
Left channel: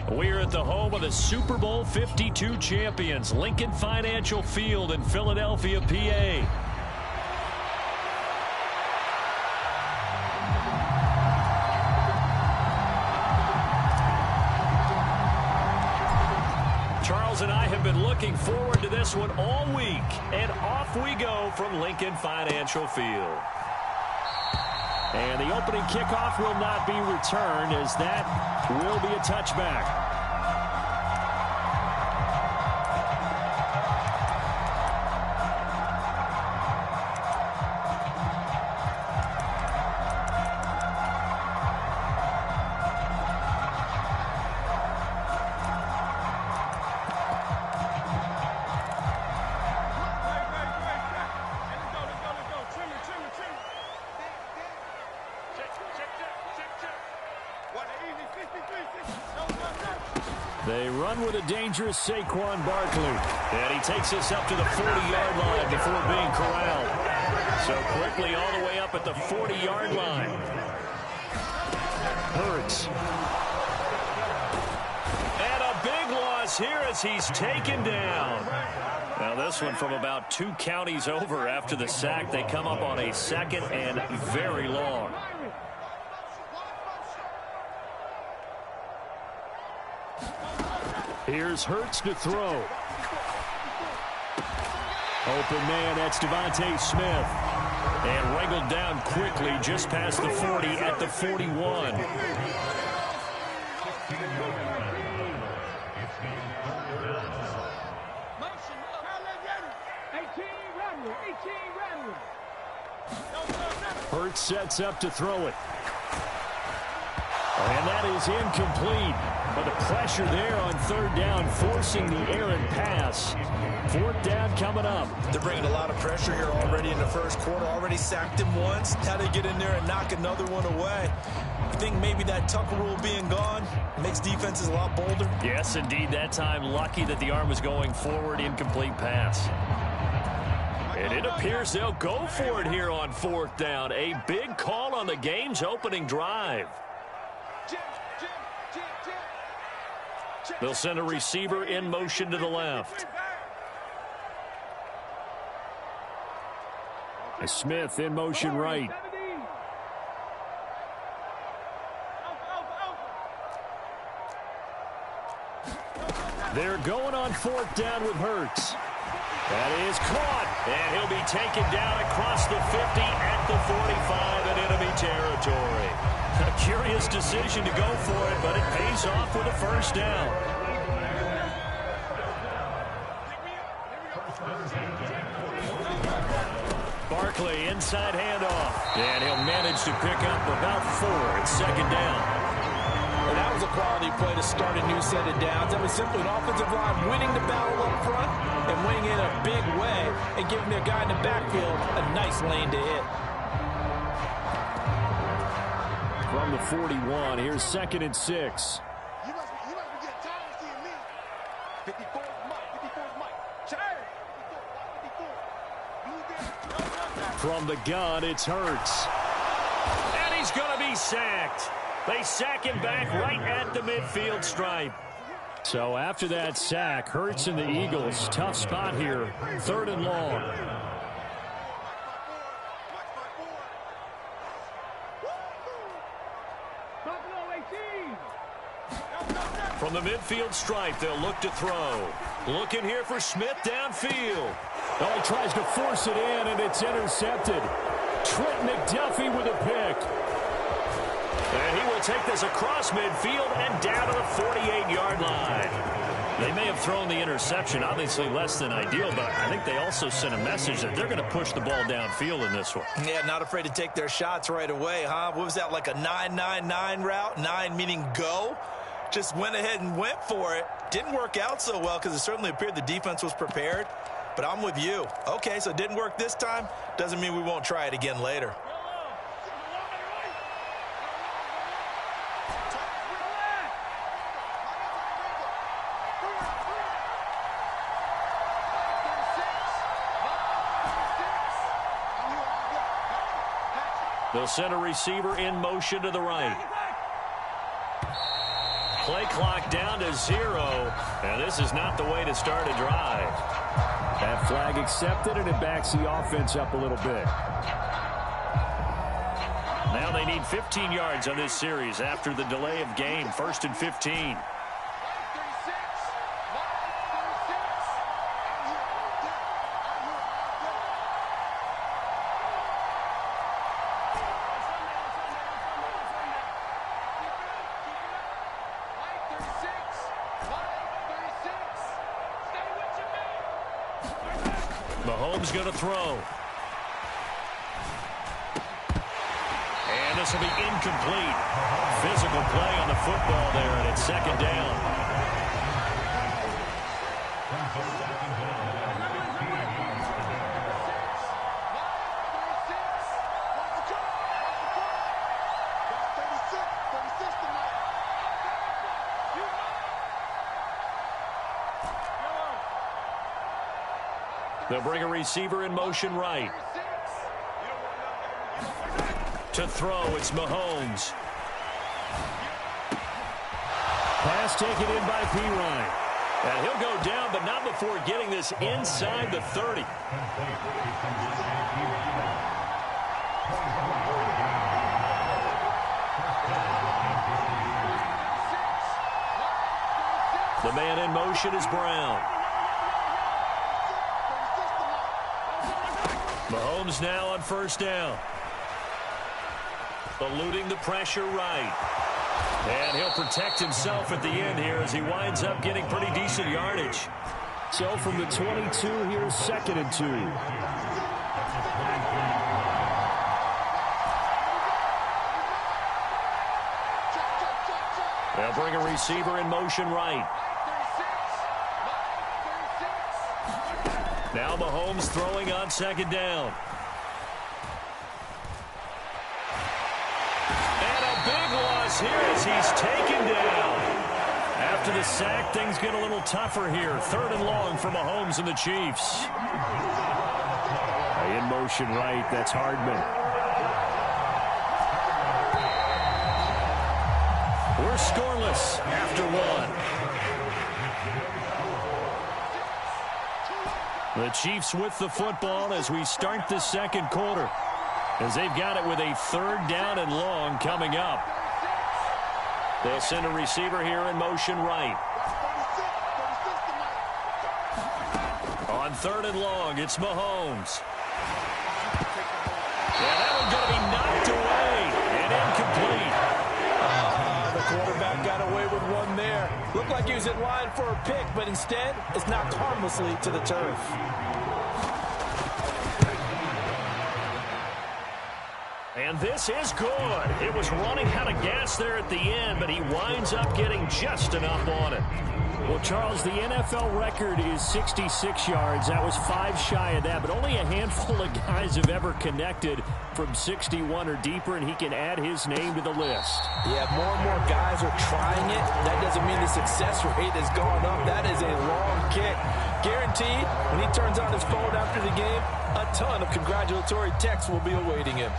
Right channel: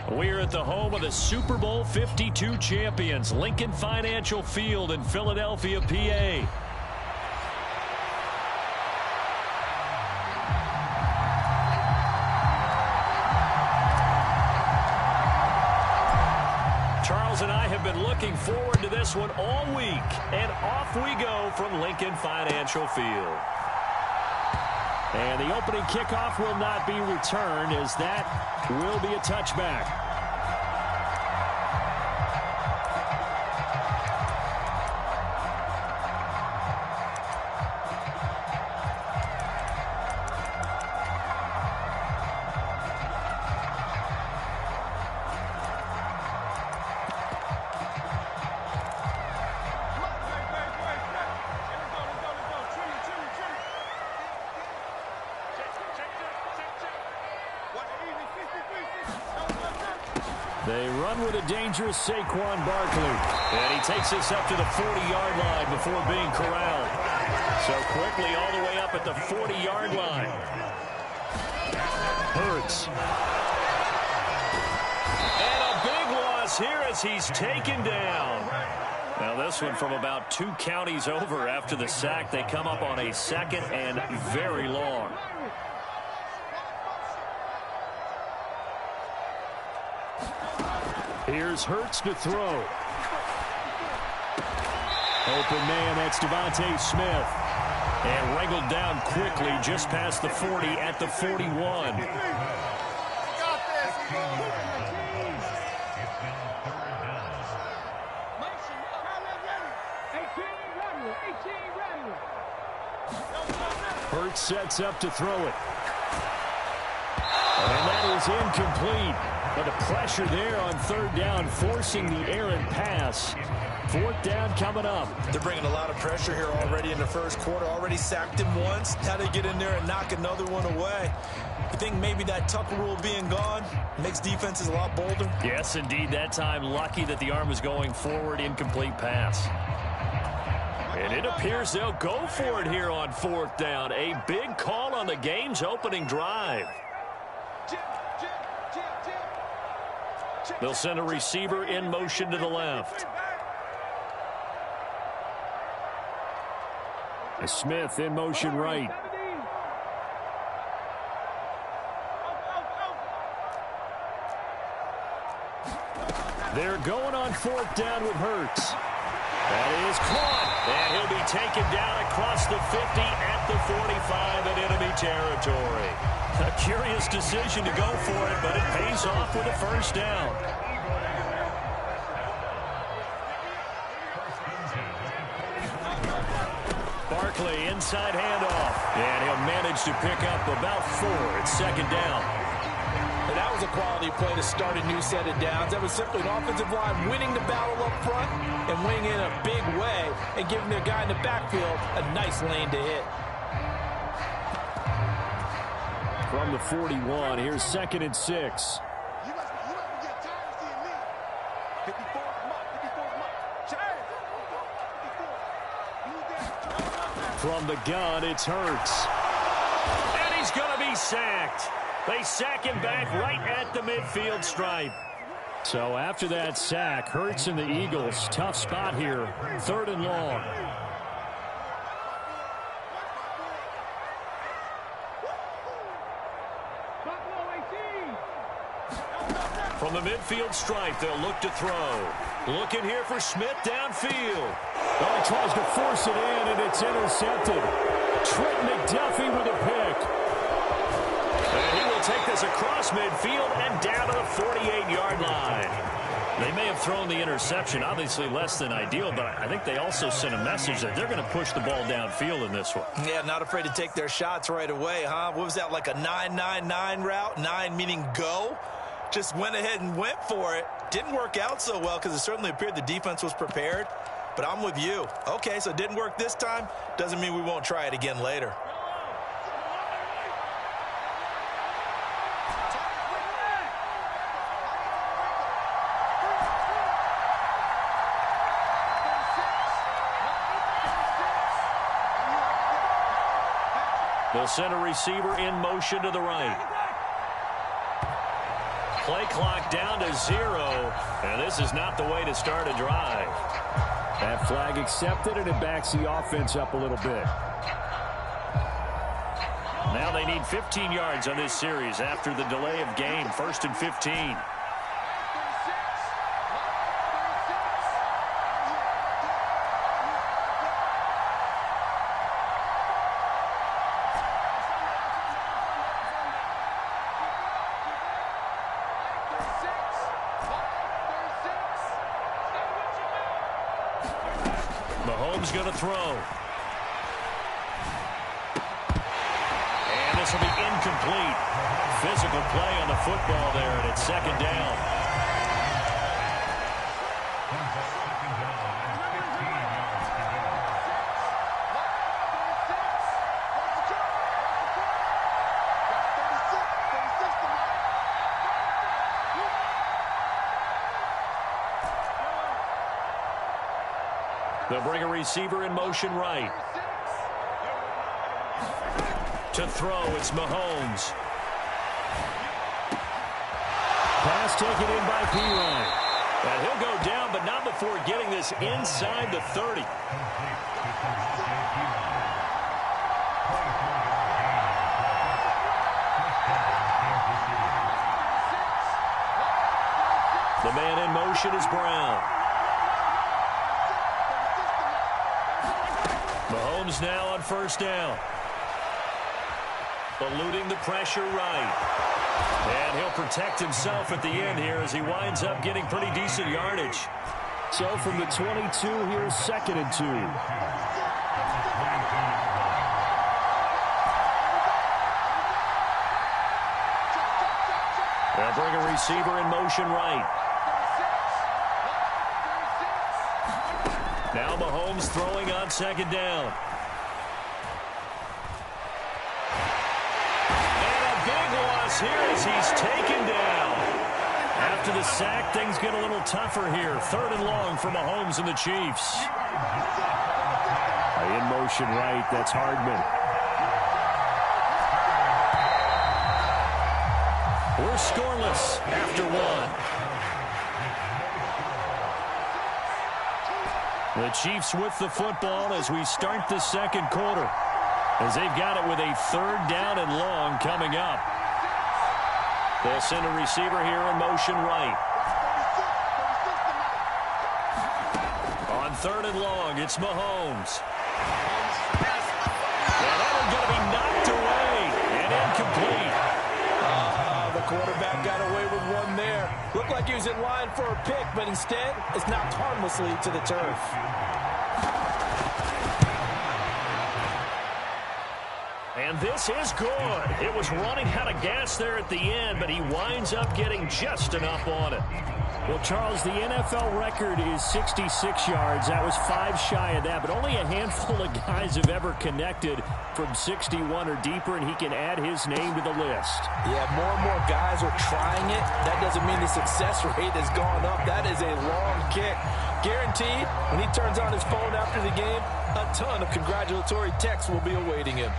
We're at the home of the Super Bowl 52 champions, Lincoln Financial Field in Philadelphia, PA. Charles and I have been looking forward to this one all week, and off we go from Lincoln Financial Field. And the opening kickoff will not be returned, as that will be a touchback. They run with a dangerous Saquon Barkley. And he takes us up to the 40-yard line before being corralled. So quickly all the way up at the 40-yard line. Hurts. And a big loss here as he's taken down. Now this one from about 2 counties over after the sack. They come up on a second and very long. Here's Hurts to throw. Open man, that's Devontae Smith. And wrangled down quickly just past the 40 at the 41. Hurts sets up to throw it. And that is incomplete. But the pressure there on third down, forcing the errant pass. Fourth down coming up. They're bringing a lot of pressure here already in the first quarter. Already sacked him once. Now they get in there and knock another one away. I think maybe that Tucker rule being gone makes defenses a lot bolder. Yes, indeed. That time, lucky that the arm was going forward. Incomplete pass. And it appears they'll go for it here on fourth down. A big call on the game's opening drive. They'll send a receiver in motion to the left. Smith in motion right. They're going on 4th down with Hurts. That is caught, and he'll be taken down across the 50 at the 45 in enemy territory. A curious decision to go for it, but it pays off with a 1st down. Barkley, inside handoff, and he'll manage to pick up about 4 at 2nd down. And that was a quality play to start a new set of downs. That was simply an offensive line winning the battle up front and winning in a big way and giving their guy in the backfield a nice lane to hit. From the 41, here's 2nd and 6. You must be getting tired of seeing me. 54 is Mike. 54 is Mike. Change. 54. From the gun, it's Hurts. And he's going to be sacked. They sack him back right at the midfield stripe. So after that sack, Hurts and the Eagles, tough spot here. 3rd and long. From the midfield stripe, they'll look to throw. Looking here for Smith downfield. Oh, he tries to force it in, and it's intercepted. Trent McDuffie with a pick. And he will take this across midfield and down to the 48-yard line. They may have thrown the interception, obviously less than ideal, but I think they also sent a message that they're going to push the ball downfield in this one. Yeah, not afraid to take their shots right away, huh? What was that, like a 9-9-9 route? 9 meaning go? Just went ahead and went for it. Didn't work out so well because it certainly appeared the defense was prepared. But I'm with you. Okay, so it didn't work this time. Doesn't mean we won't try it again later. They'll send a receiver in motion to the right. Play clock down to 0, and this is not the way to start a drive. That flag accepted, and it backs the offense up a little bit. Now they need 15 yards on this series after the delay of game. 1st and 15. Mahomes going to throw. And this will be incomplete. Physical play on the football there, and it's 2nd down. They'll bring a receiver in motion right. To throw, it's Mahomes. Pass taken in by Beekay. And he'll go down, but not before getting this inside the 30. The man in motion is Brown. Mahomes now on 1st down. Eluding the pressure right. And he'll protect himself at the end here as he winds up getting pretty decent yardage. So from the 22, here's 2nd and 2. They'll bring a receiver in motion right. Now Mahomes throwing on 2nd down. And a big loss here as he's taken down. After the sack, things get a little tougher here. 3rd and long for Mahomes and the Chiefs. In motion right, that's Hardman. We're scoreless after 1. The Chiefs with the football as we start the 2nd quarter, as they've got it with a 3rd down and long coming up. They'll send a receiver here in motion right. third and long. It's Mahomes. Yeah, that one's going to be knocked away and incomplete. The quarterback got away with one there. Looked like he was in line for a pick, but instead, it's knocked harmlessly to the turf. And this is good. It was running out of gas there at the end, but he winds up getting just enough on it. Well, Charles, the NFL record is 66 yards. That was 5 shy of that, but only a handful of guys have ever connected from 61 or deeper, and he can add his name to the list. Yeah, more and more guys are trying it. That doesn't mean the success rate has gone up. That is a long kick. Guaranteed, when he turns on his phone after the game, a ton of congratulatory texts will be awaiting him.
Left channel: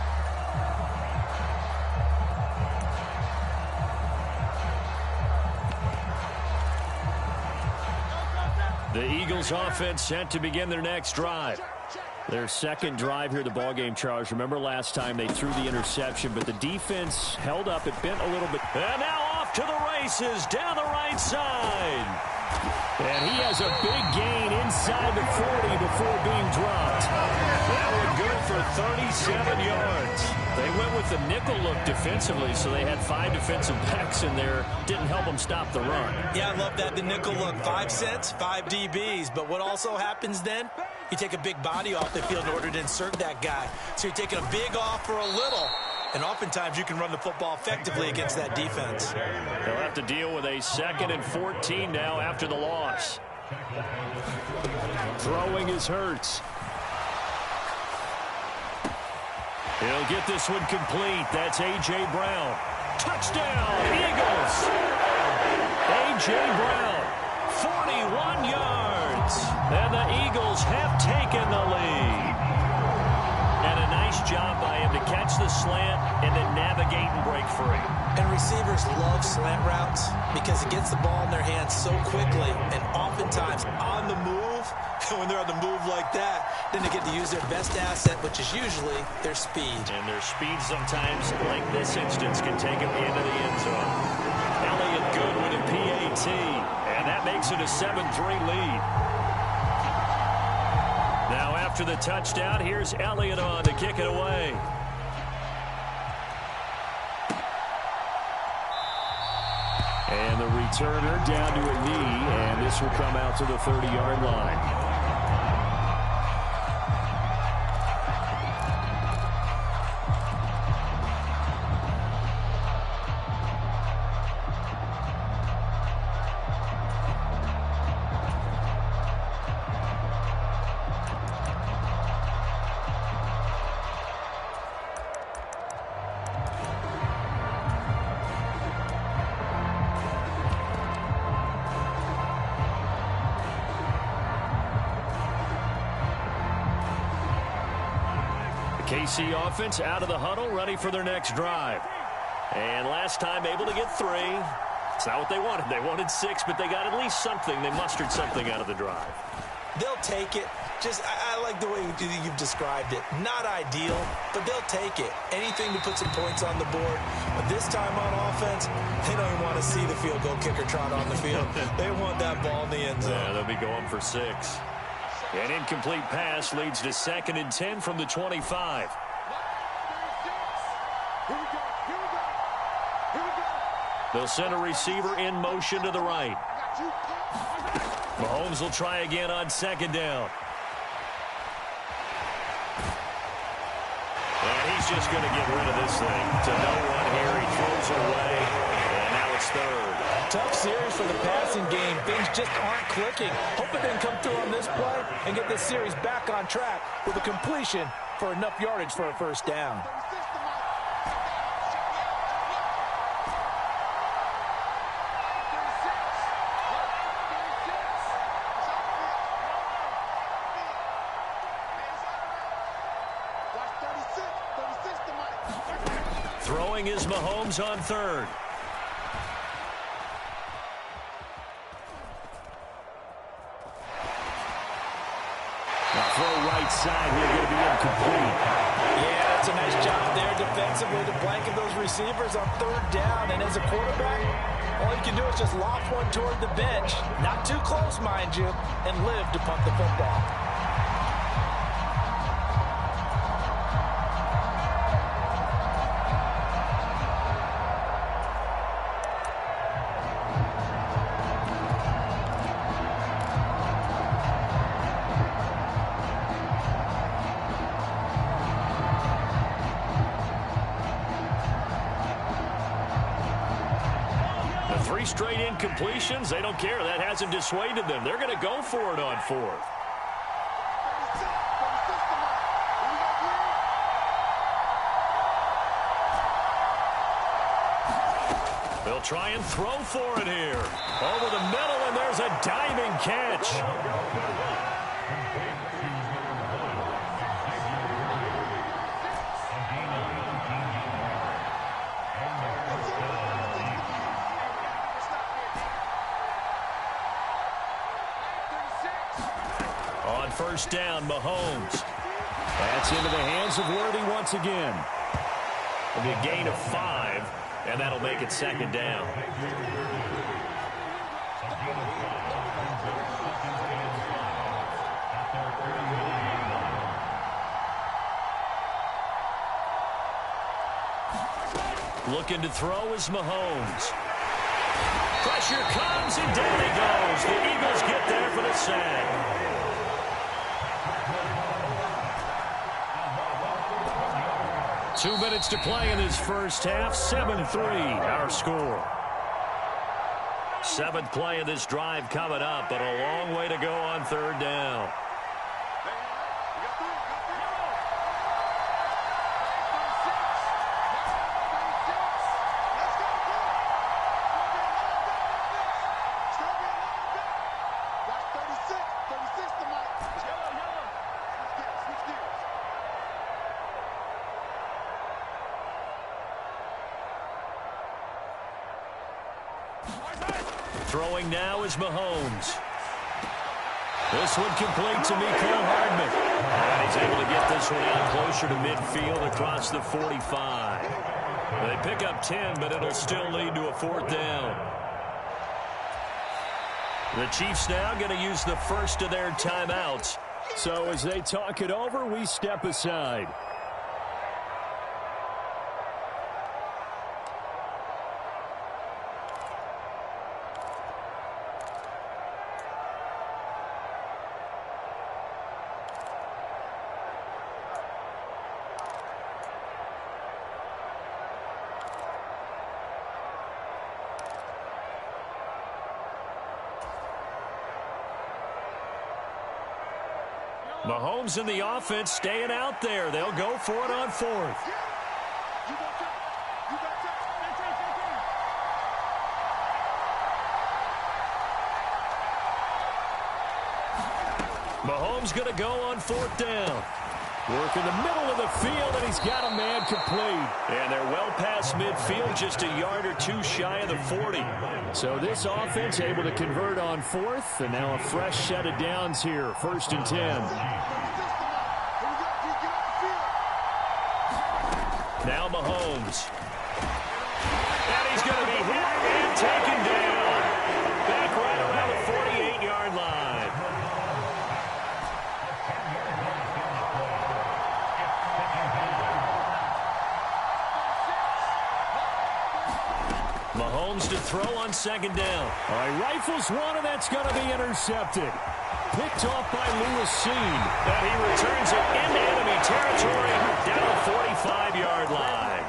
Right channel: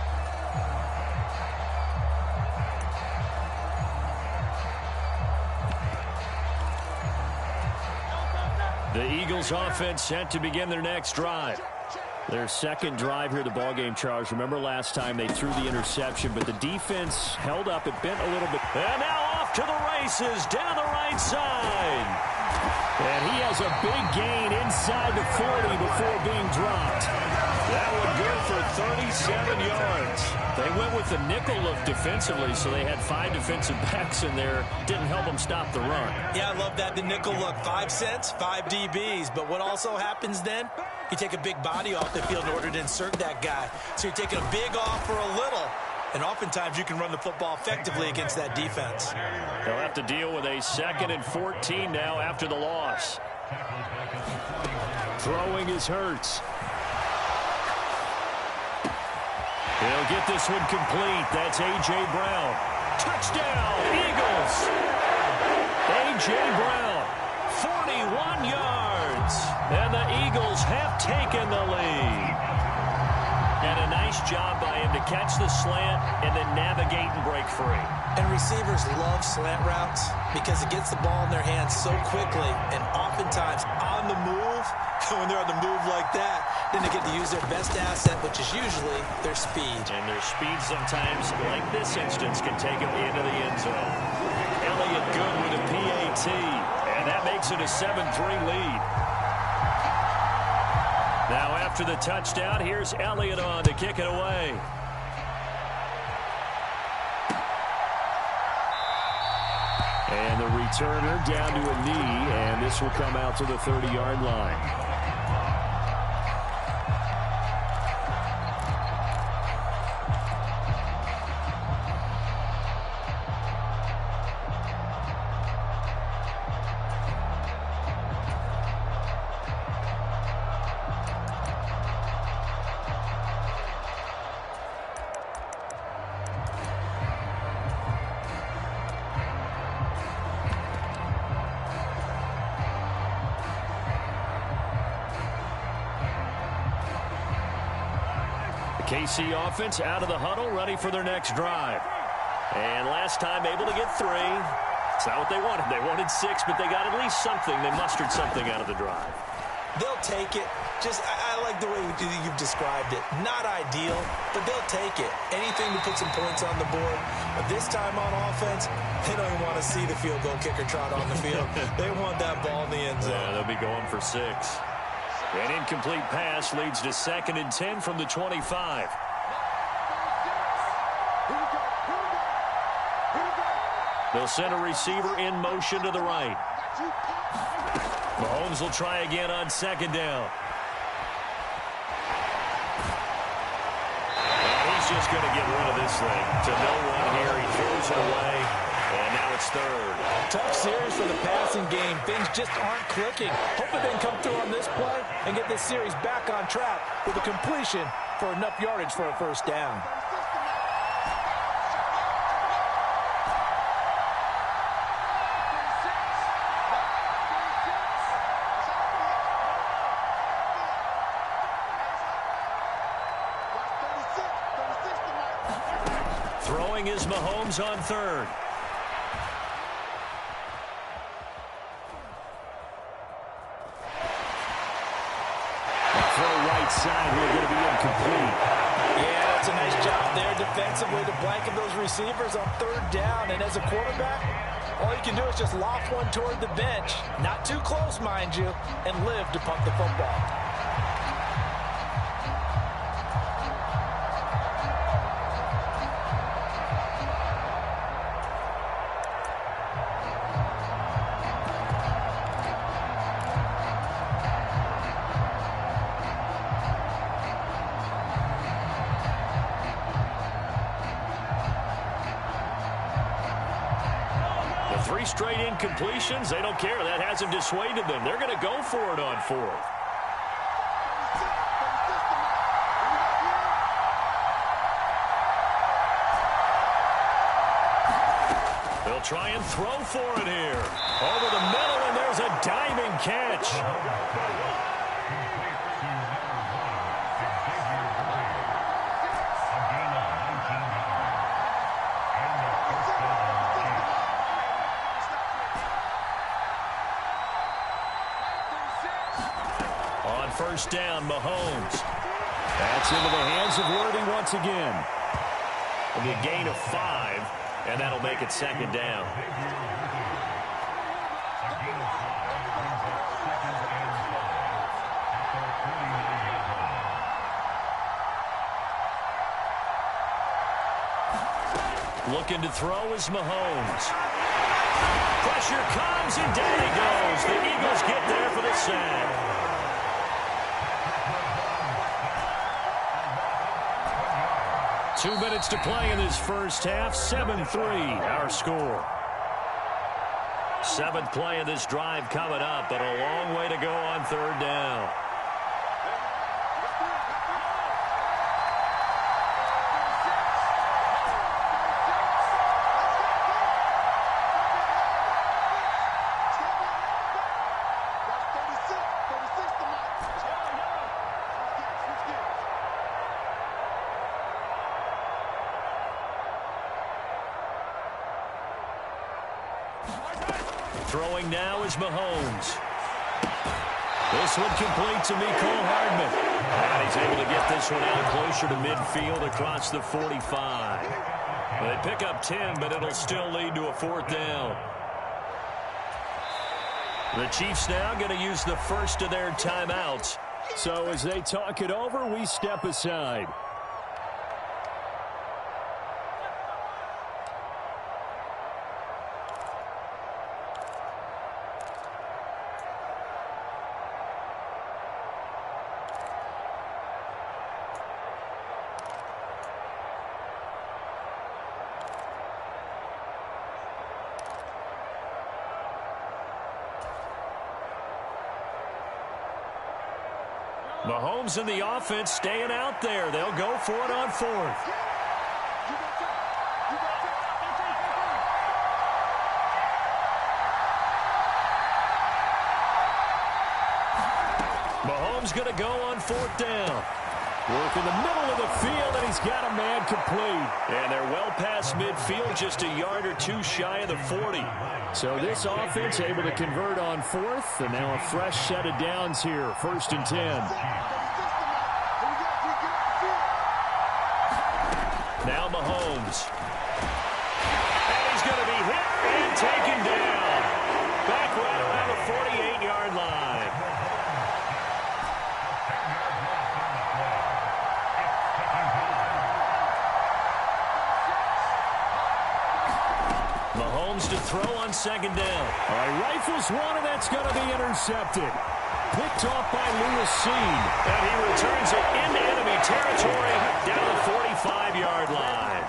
The Eagles offense set to begin their next drive. Their second drive here of the ballgame, Charles. Remember last time they threw the interception, but the defense held up. It bent a little bit. And now off to the races down the right side. And he has a big gain inside the 40 before being dropped. That one good for 37 yards. They went with the nickel look defensively, so they had 5 defensive backs in there. Didn't help them stop the run. Yeah, I love that, the nickel look. 5 cents, 5 DBs. But what also happens then? You take a big body off the field in order to insert that guy. So you're taking a big off for a little. And oftentimes you can run the football effectively against that defense. They'll have to deal with a 2nd and 14 now after the loss. Throwing is Hurts. He'll get this one complete. That's A.J. Brown. Touchdown, Eagles. A.J. Brown, 41 yards. And the Eagles have taken the lead. And a nice job by him to catch the slant and then navigate and break free. And receivers love slant routes because it gets the ball in their hands so quickly and oftentimes on the move. When they're on the move like that, then they get to use their best asset, which is usually their speed. And their speed sometimes, like this instance, can take them into the end zone. Elliott good with a PAT, and that makes it a 7-3 lead. Now after the touchdown, here's Elliott on to kick it away. And the returner down to a knee, and this will come out to the 30-yard line. KC offense out of the huddle, ready for their next drive. And last time able to get 3. It's not what they wanted. They wanted 6, but they got at least something. They mustered something out of the drive. They'll take it. I like the way you've described it. Not ideal, but they'll take it. Anything to put some points on the board. But this time on offense, they don't even want to see the field goal kicker trot on the field. They want that ball in the end zone. Yeah, they'll be going for 6. An incomplete pass leads to 2nd and 10 from the 25. They'll send a receiver in motion to the right. Mahomes will try again on 2nd down. And he's just going to get rid of this thing to no one here. He throws it away, and now it's 3rd. Tough series for the passing game. Things just aren't clicking. Hope they can come through on this play and get this series back on track with a completion for enough yardage for a 1st down. Throwing is Mahomes on 3rd. Throw right side here, going to be incomplete. Yeah, that's a nice job there defensively to blanket those receivers on 3rd down. And as a quarterback, all you can do is just loft one toward the bench. Not too close, mind you, and live to punt the football. 3 straight incompletions, they don't care. That hasn't dissuaded them. They're going to go for it on 4th. They'll try and throw for it here. Over the middle, and there's a diving catch. On first down, Mahomes. That's into the hands of Worthy once again. It'll be a gain of 5, and that'll make it 2nd down. Looking to throw is Mahomes. Pressure comes, and down he goes. The Eagles get there for the sack. Two minutes to play in this first half. 7-3, our score. 7th play of this drive coming up, but a long way to go on 3rd down. Throwing now is Mahomes. This one complete to Beekay Hardman. And he's able to get this one out closer to midfield across the 45. They pick up 10, but it'll still lead to a 4th down. The Chiefs now going to use the first of their timeouts. So as they talk it over, we step aside. Mahomes and the offense staying out there. They'll go for it on 4th. Mahomes going to go on 4th down. Work in the middle of the field, and he's got a man complete. And they're well past midfield, just a yard or 2 shy of the 40. So this offense able to convert on 4th, and now a fresh set of downs here, 1st and 10. Now Mahomes. And he's going to be hit and taken down. Back right around the 48-yard line. Mahomes to throw on 2nd down. All right, rifles one, and that's going to be intercepted. Picked off by Lewis Seen. And he returns it into enemy territory down the 45-yard line.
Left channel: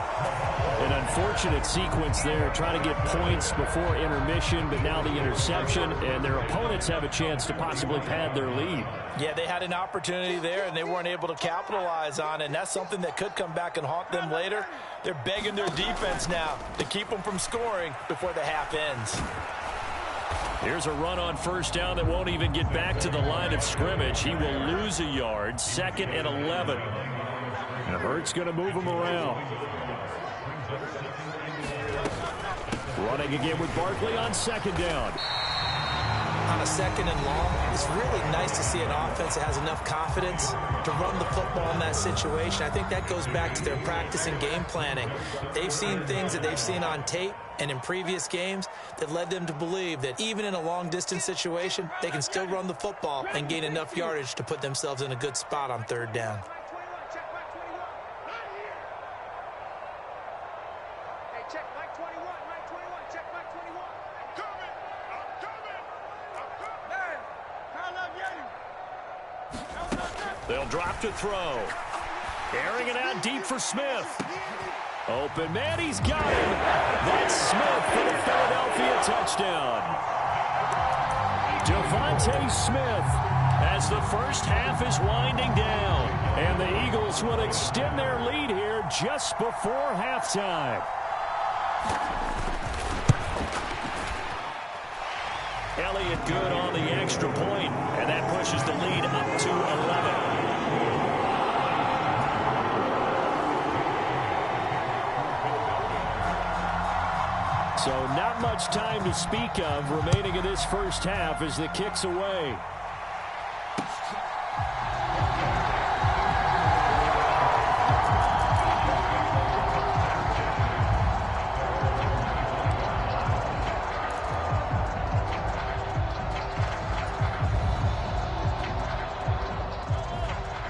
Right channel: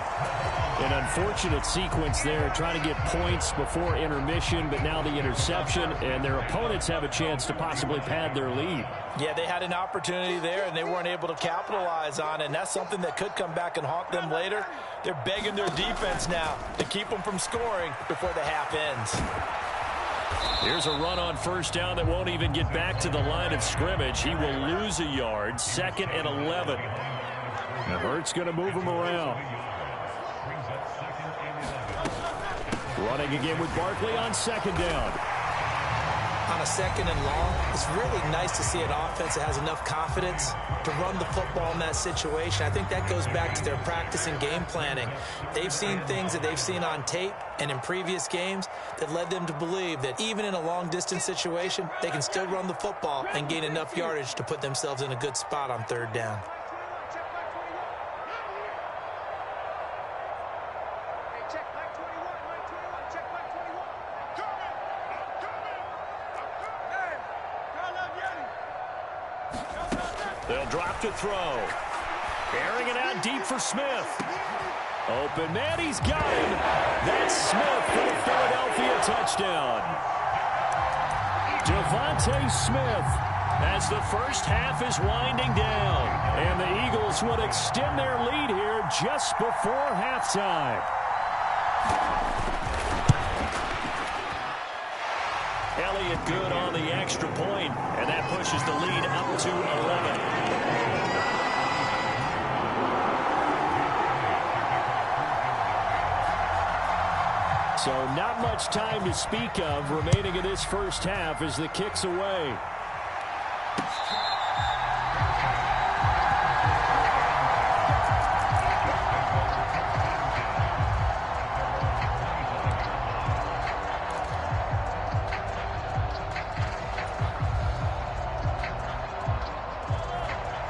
An unfortunate sequence there, trying to get points before intermission, but now the interception, and their opponents have a chance to possibly pad their lead. Yeah, they had an opportunity there, and they weren't able to capitalize on it, and that's something that could come back and haunt them later. They're begging their defense now to keep them from scoring before the half ends. Here's a run on 1st down that won't even get back to the line of scrimmage. He will lose a yard, 2nd and 11. And Hurts going to move him around. Running again with Barkley on 2nd down. On a 2nd and long, it's really nice to see an offense that has enough confidence to run the football in that situation. I think that goes back to their practice and game planning. They've seen things that they've seen on tape and in previous games that led them to believe that even in a long-distance situation, they can still run the football and gain enough yardage to put themselves in a good spot on 3rd down. They'll drop to throw. Airing it out deep for Smith. Open man, he's got him. That's Smith for the Philadelphia touchdown. Devontae Smith as the first half is winding down. And the Eagles will extend their lead here just before halftime. Elliott good on the extra point, and that pushes the lead up to 11. So not much time to speak of remaining in this first half as the kick's away.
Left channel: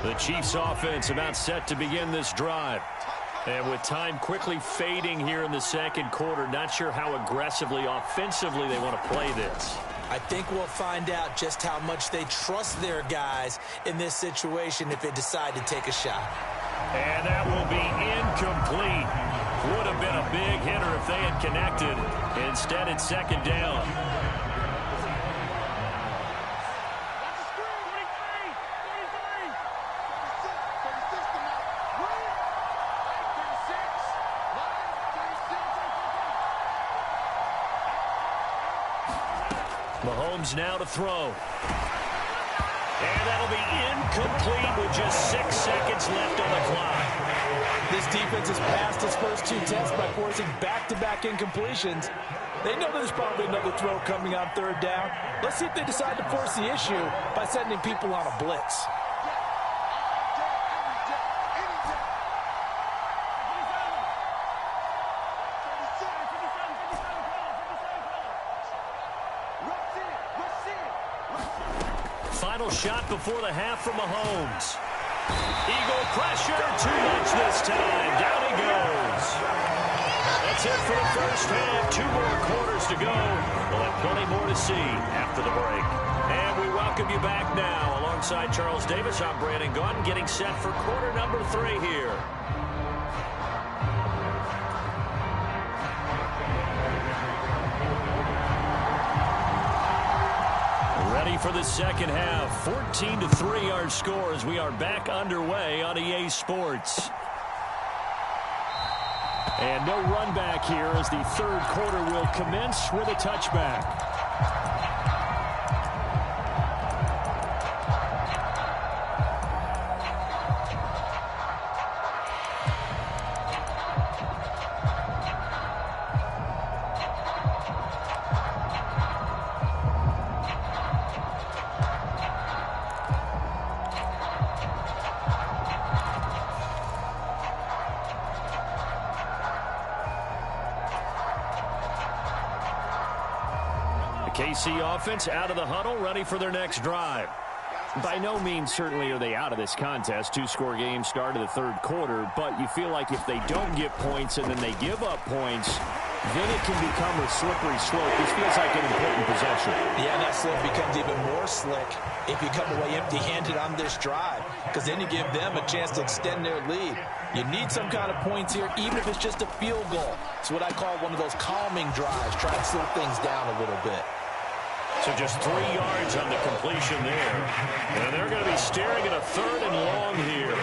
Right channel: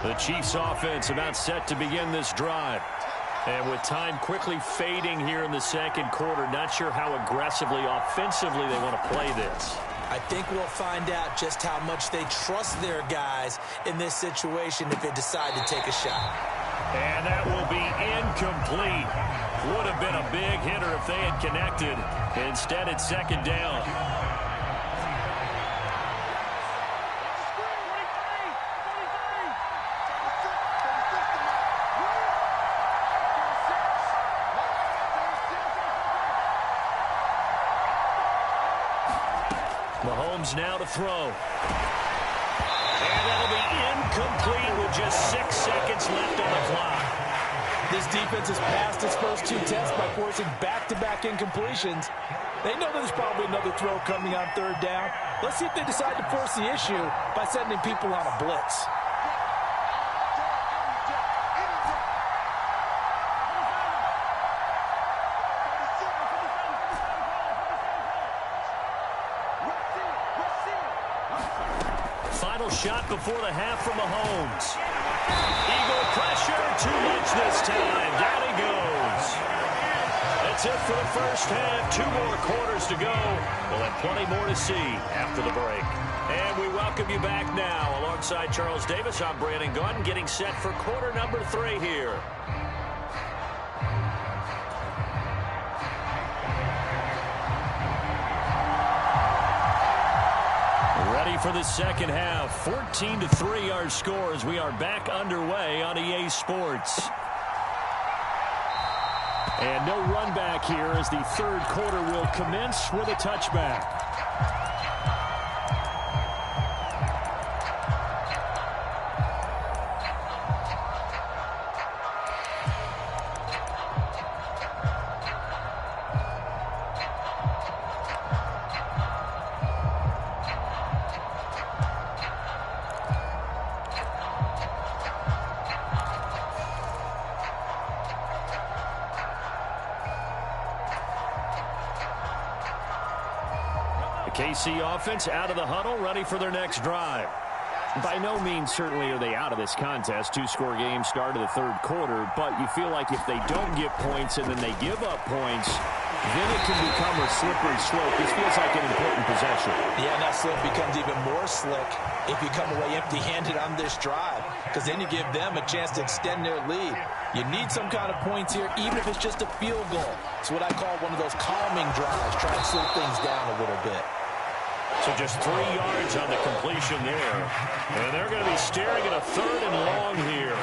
The Chiefs offense about set to begin this drive. And with time quickly fading here in the second quarter, not sure how aggressively, offensively they want to play this. I think we'll find out just how much they trust their guys in this situation if they decide to take a shot. And that will be incomplete. Would have been a big hitter if they had connected. Instead, it's second down. Mahomes now to throw. And that'll be incomplete with just 6 seconds left on the clock. This defense has passed its first 2 tests by forcing back-to-back incompletions. They know there's probably another throw coming on third down. Let's see if they decide to force the issue by sending people on a blitz. Final shot before the half from Mahomes. Eagle pressure, too much this time. Down he goes. That's it for the first half. 2 more quarters to go. We'll have plenty more to see after the break. And we welcome you back now. Alongside Charles Davis, I'm Brandon Gaudin, getting set for quarter number 3 here. Ready for the second half. 14-3 our score as we are back underway on EA Sports. And no run back here as the third quarter will commence with a touchback. KC offense out of the huddle, ready for their next drive. By no means certainly are they out of this contest. 2-score game start of the third quarter, but you feel like if they don't get points and then they give up points, then it can become a slippery slope. This feels like an important possession. Yeah, and that slope becomes even more slick if you come away empty-handed on this drive, because then you give them a chance to extend their lead. You need some kind of points here, even if it's just a field goal. It's what I call one of those calming drives, try and slow things down a little bit. So just 3 yards on the completion there. And they're going to be staring at a 3rd and long here.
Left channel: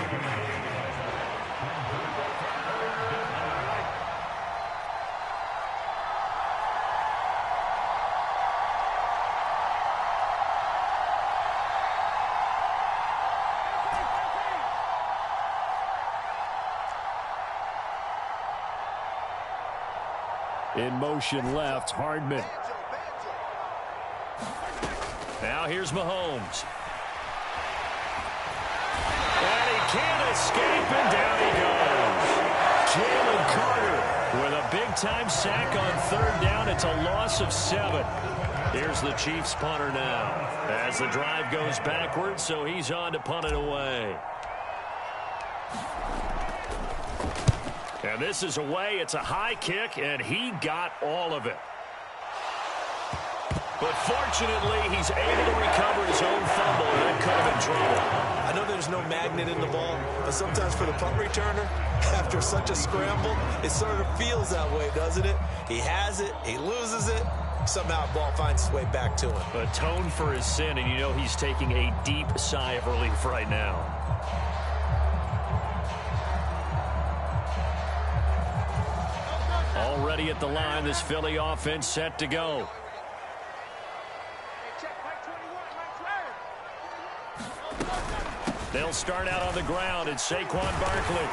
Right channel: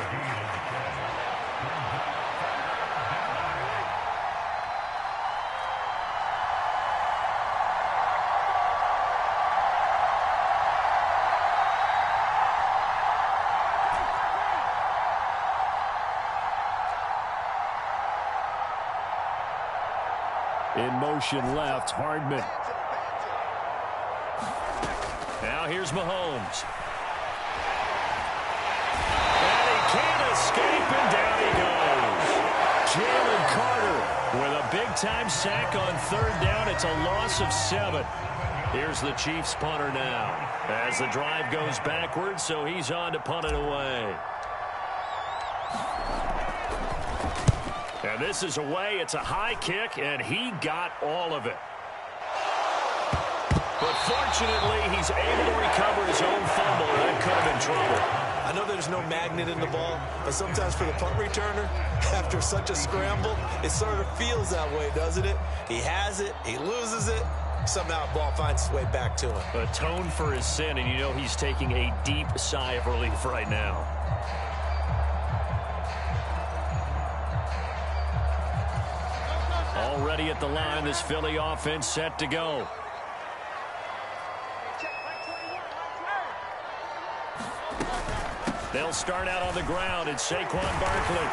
In motion left, Hardman. Now here's Mahomes. And he can't escape, and down he goes. Jalen Carter with a big-time sack on 3rd down. It's a loss of 7. Here's the Chiefs punter now as the drive goes backwards, so he's on to punt it away. And this is away. It's a high kick, and he got all of it. But fortunately, he's able to recover his own fumble, and that could have been trouble. I know there's no magnet in the ball, but sometimes for the punt returner, after such a scramble, it sort of feels that way, doesn't it? He has it, he loses it, somehow the ball finds its way back to him. Atone for his sin, and you know he's taking a deep sigh of relief right now. Already at the line, this Philly offense set to go. They'll start out on the ground. It's Saquon Barkley.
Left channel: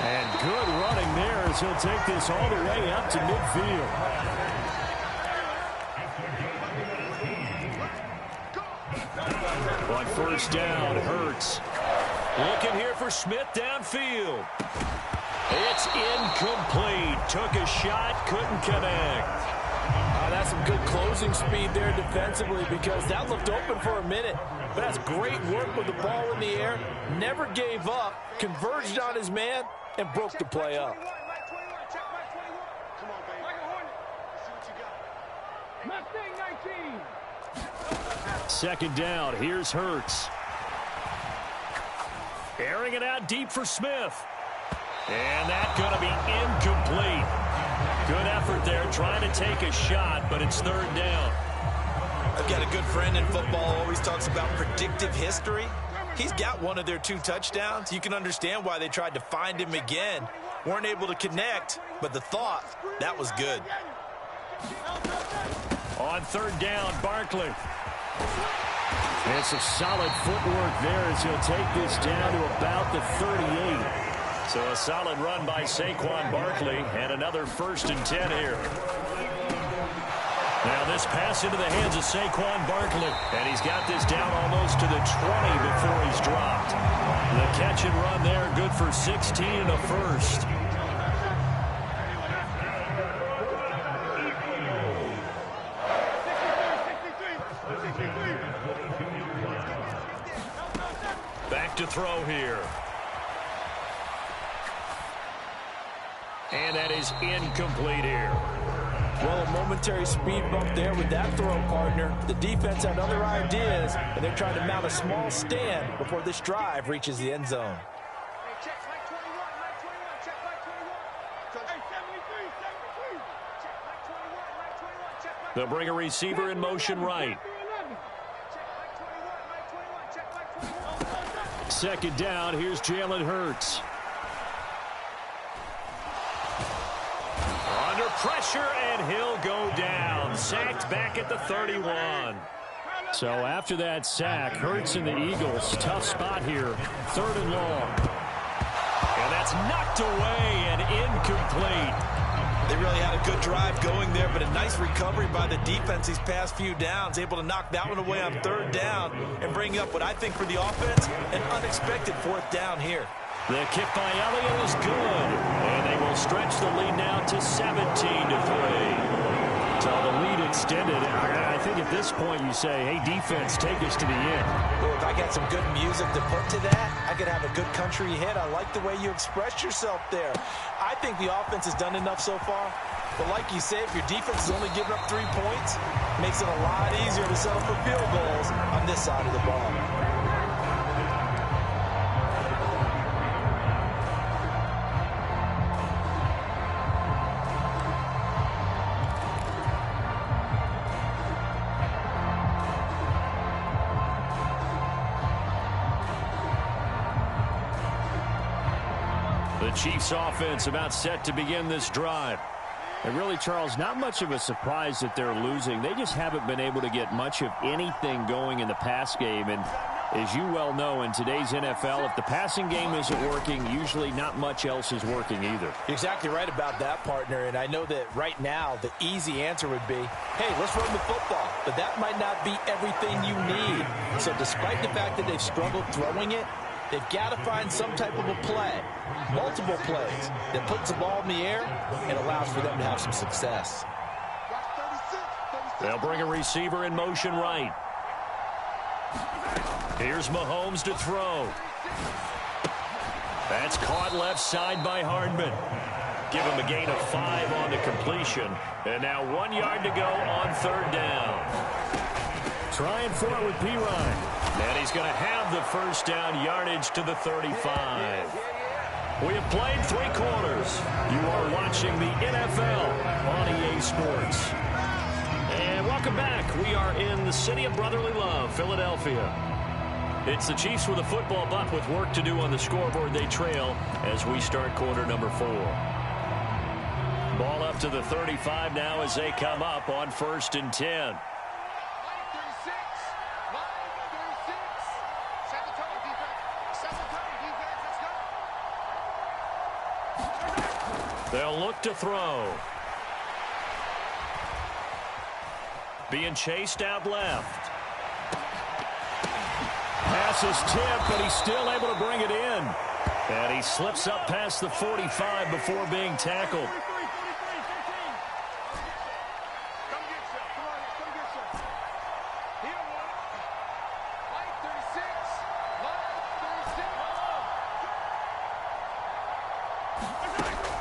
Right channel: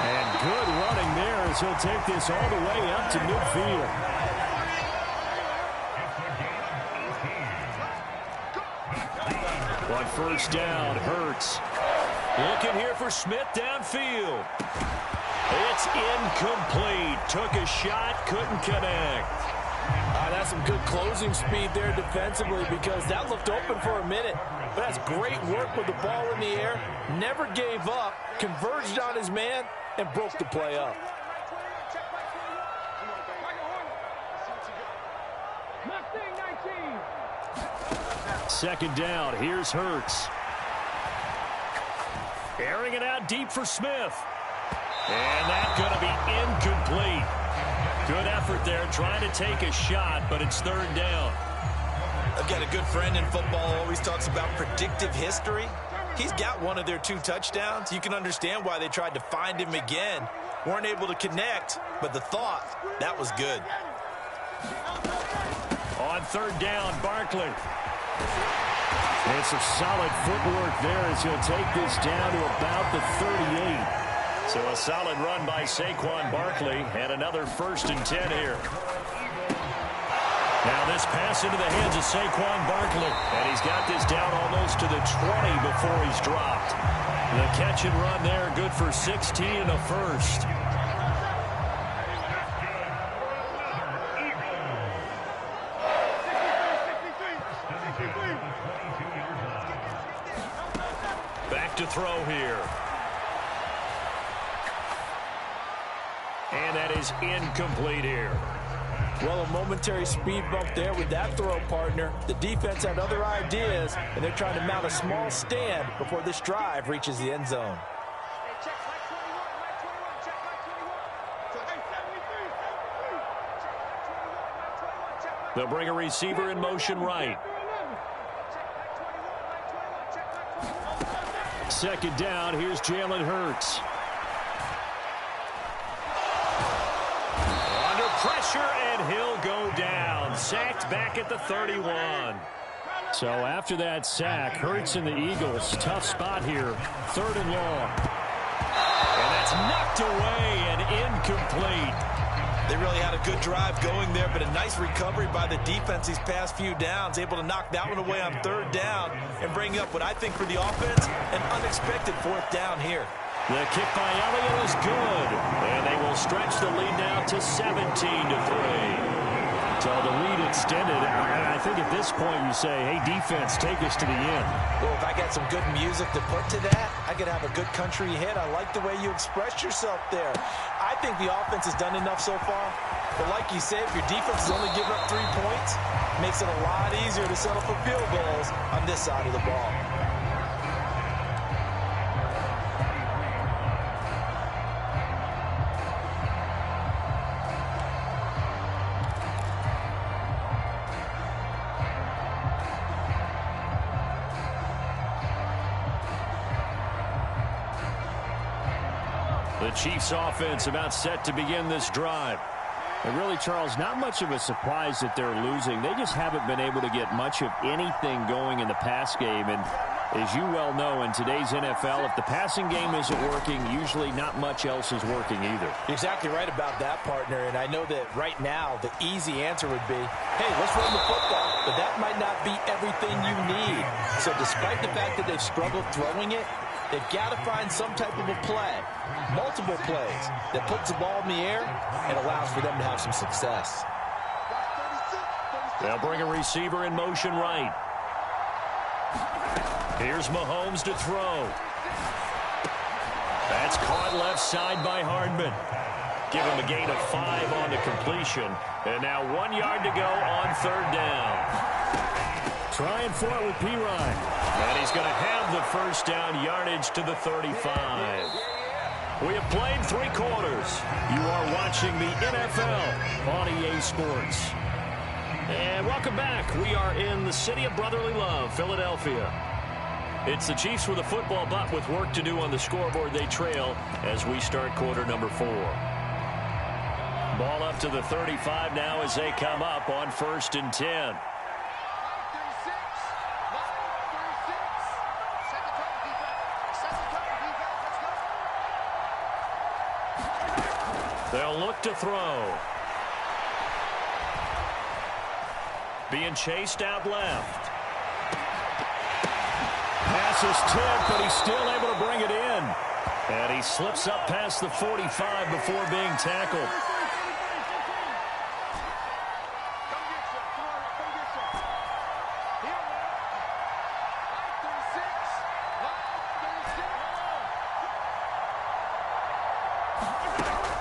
And good running there as he'll take this all the way up to midfield. On first down, Hurts. Looking here for Smith downfield. It's incomplete. Took a shot, couldn't connect. That's some good closing speed there defensively because that looked open for a minute. But that's great work with the ball in the air. Never gave up, converged on his man, and broke the play up. Second down, here's Hurts. Airing it out deep for Smith. And that's going to be incomplete. Good effort there, trying to take a shot, but it's third down. I've got a good friend in football, always talks about predictive history. He's got one of their 2 touchdowns. You can understand why they tried to find him again. Weren't able to connect, but the thought, that was good. On third down, Barkley. And some solid footwork there as he'll take this down to about the 38. So a solid run by Saquon Barkley and another 1st and 10 here. Now this pass into the hands of Saquon Barkley. And he's got this down almost to the 20 before he's dropped. The catch and run there, good for 16 and a first. Back to throw here. And that is incomplete here. Well, a momentary speed bump there with that throw, partner. The defense had other ideas, and they're trying to mount a small stand before this drive reaches the end zone. They'll bring a receiver in motion right. Second down, here's Jalen Hurts. Under pressure, and he'll go down. Sacked back at the 31. So after that sack, Hurts and the Eagles, tough spot here. 3rd and long. And that's knocked away and incomplete. They really had a good drive going there, but a nice recovery by the defense these past few downs, able to knock that one away on 3rd down and bring up what I think for the offense, an unexpected 4th down here. The kick by Elliott is good, and they will stretch the lead now to 17-3. So the lead extended. I think at this point you say, hey, defense, take us to the end. Well, if I got some good music to put to that, I could have a good country hit. I like the way you expressed yourself there. I think the offense has done enough so far. But like you said, if your defense is only giving up 3 points, it makes it a lot easier to settle for field goals on this side of the ball. The Chiefs offense about set to begin this drive. And really, Charles, not much of a surprise that they're losing. They just haven't been able to get much of anything going in the pass game. And as you well know, in today's NFL, if the passing game isn't working, usually not much else is working either. You're exactly right about that, partner. And I know that right now the easy answer would be, hey, let's run the football. But that might not be everything you need. So despite the fact that they've struggled throwing it, they've got to find some type of a play, multiple plays, that puts the ball in the air and allows for them to have some success. They'll bring a receiver in motion right. Here's Mahomes to throw. That's caught left side by Hardman. Give him a gain of 5 on the completion. And now 1 yard to go on 3rd down. Trying for it with Pirine. And he's going to have the first down yardage to the 35. We have played 3 quarters. You are watching the NFL on EA Sports. And welcome back. We are in the city of brotherly love, Philadelphia. It's the Chiefs with a football, but with work to do on the scoreboard, they trail as we start quarter number 4. Ball up to the 35 now as they come up on 1st and 10. They'll look to throw. Being chased out left. Pass is tipped, but he's still able to bring it in. And he slips up past the 45 before being tackled.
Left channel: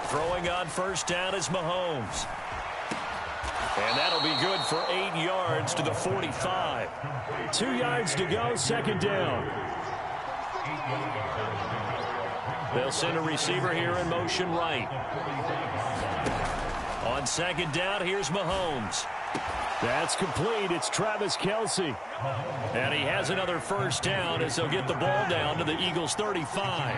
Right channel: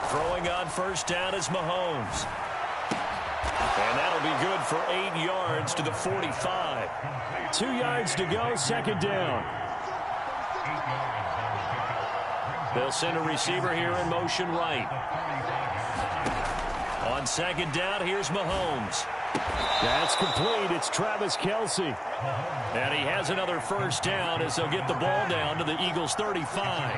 Throwing on 1st down is Mahomes. And that'll be good for 8 yards to the 45. 2 yards to go, 2nd down. They'll send a receiver here in motion right. On 2nd down, here's Mahomes. That's complete. It's Travis Kelce. And he has another 1st down as they'll get the ball down to the Eagles' 35.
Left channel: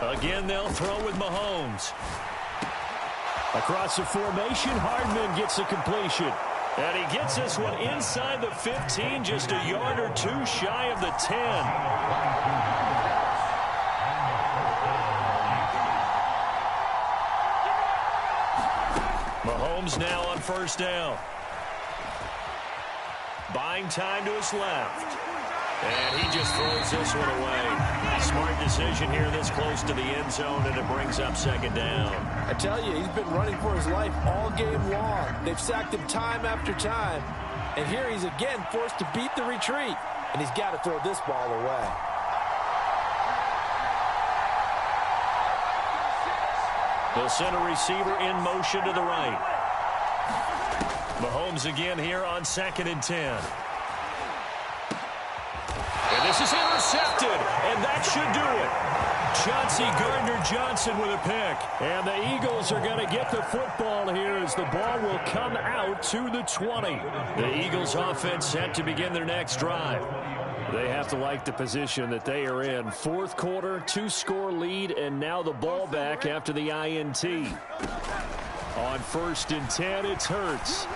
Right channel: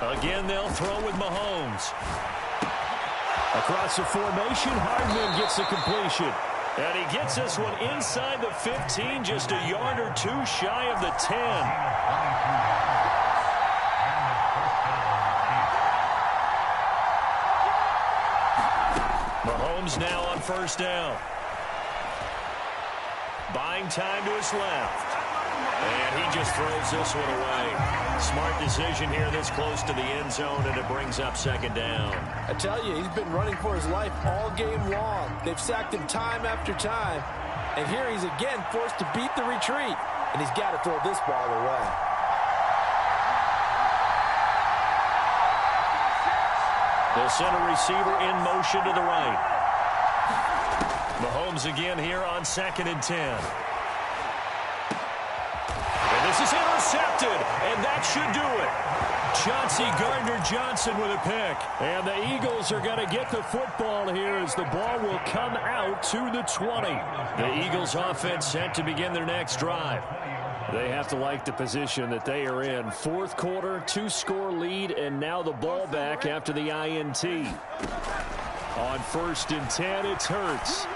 Again, they'll throw with Mahomes. Across the formation, Hardman gets the completion. And he gets this one inside the 15, just a yard or 2 shy of the 10. Mahomes now on 1st down. Buying time to his left. And he just throws this one away. Smart decision here this close to the end zone, and it brings up 2nd down. I tell you, he's been running for his life all game long. They've sacked him time after time. And here he's again forced to beat the retreat. And he's got to throw this ball away. They'll send a receiver in motion to the right. Mahomes again here on 2nd and 10. And this is intercepted, and that should do it. Chauncey Gardner-Johnson with a pick. And the Eagles are going to get the football here as the ball will come out to the 20. The Eagles offense set to begin their next drive. They have to like the position that they are in. 4th quarter, 2-score lead, and now the ball back after the INT. On 1st and 10, it's Hurts.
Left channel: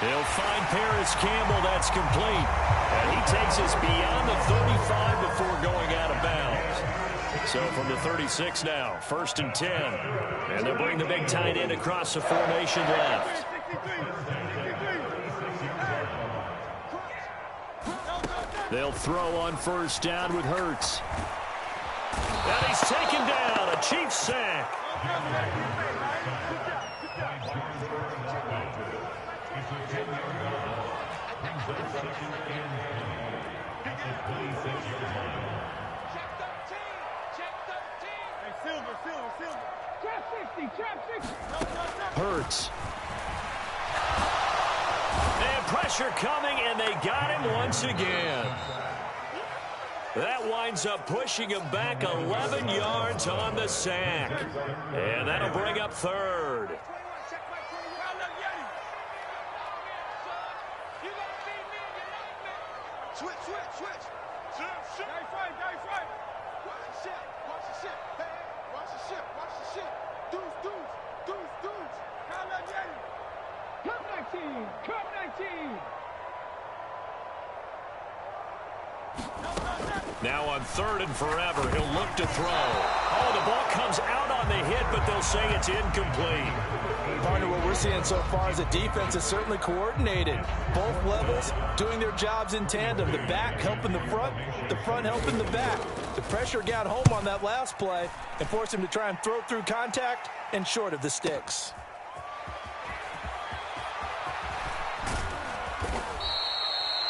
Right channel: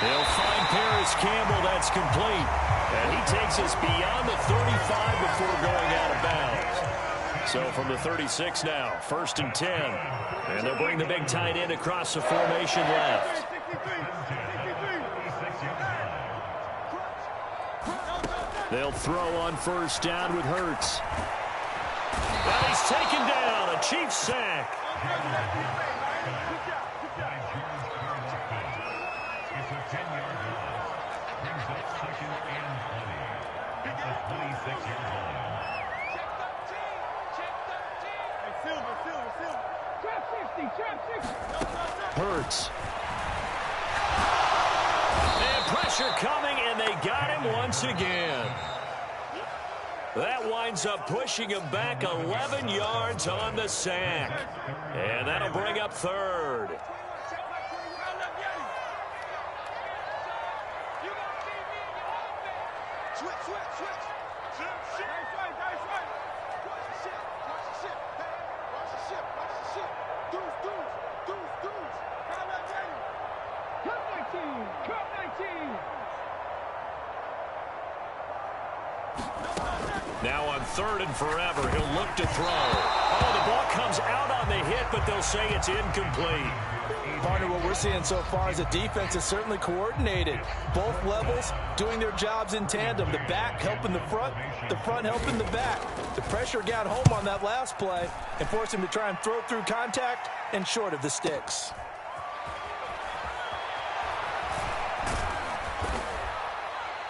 He'll find Paris Campbell. That's complete. And he takes us beyond the 35 before going out of bounds. So from the 36 now, 1st and 10. And they'll bring the big tight end across the formation left. They'll throw on 1st down with Hurts. And he's taken down. A Chiefs sack. Hurts. And pressure coming, and they got him once again. That winds up pushing him back 11 yards on the sack. And that'll bring up 3rd. Switch. Nice right. Watch the ship. Hey, watch the ship. Deuce. Kyle Getty. Cup 19. Now on 3rd and forever, he'll look to throw. Oh, the ball comes out on the hit, but they'll say it's incomplete. Partner, what we're seeing so far is a defense is certainly coordinated. Both levels doing their jobs in tandem. The back helping the front helping the back. The pressure got home on that last play and forced him to try and throw through contact and short of the sticks.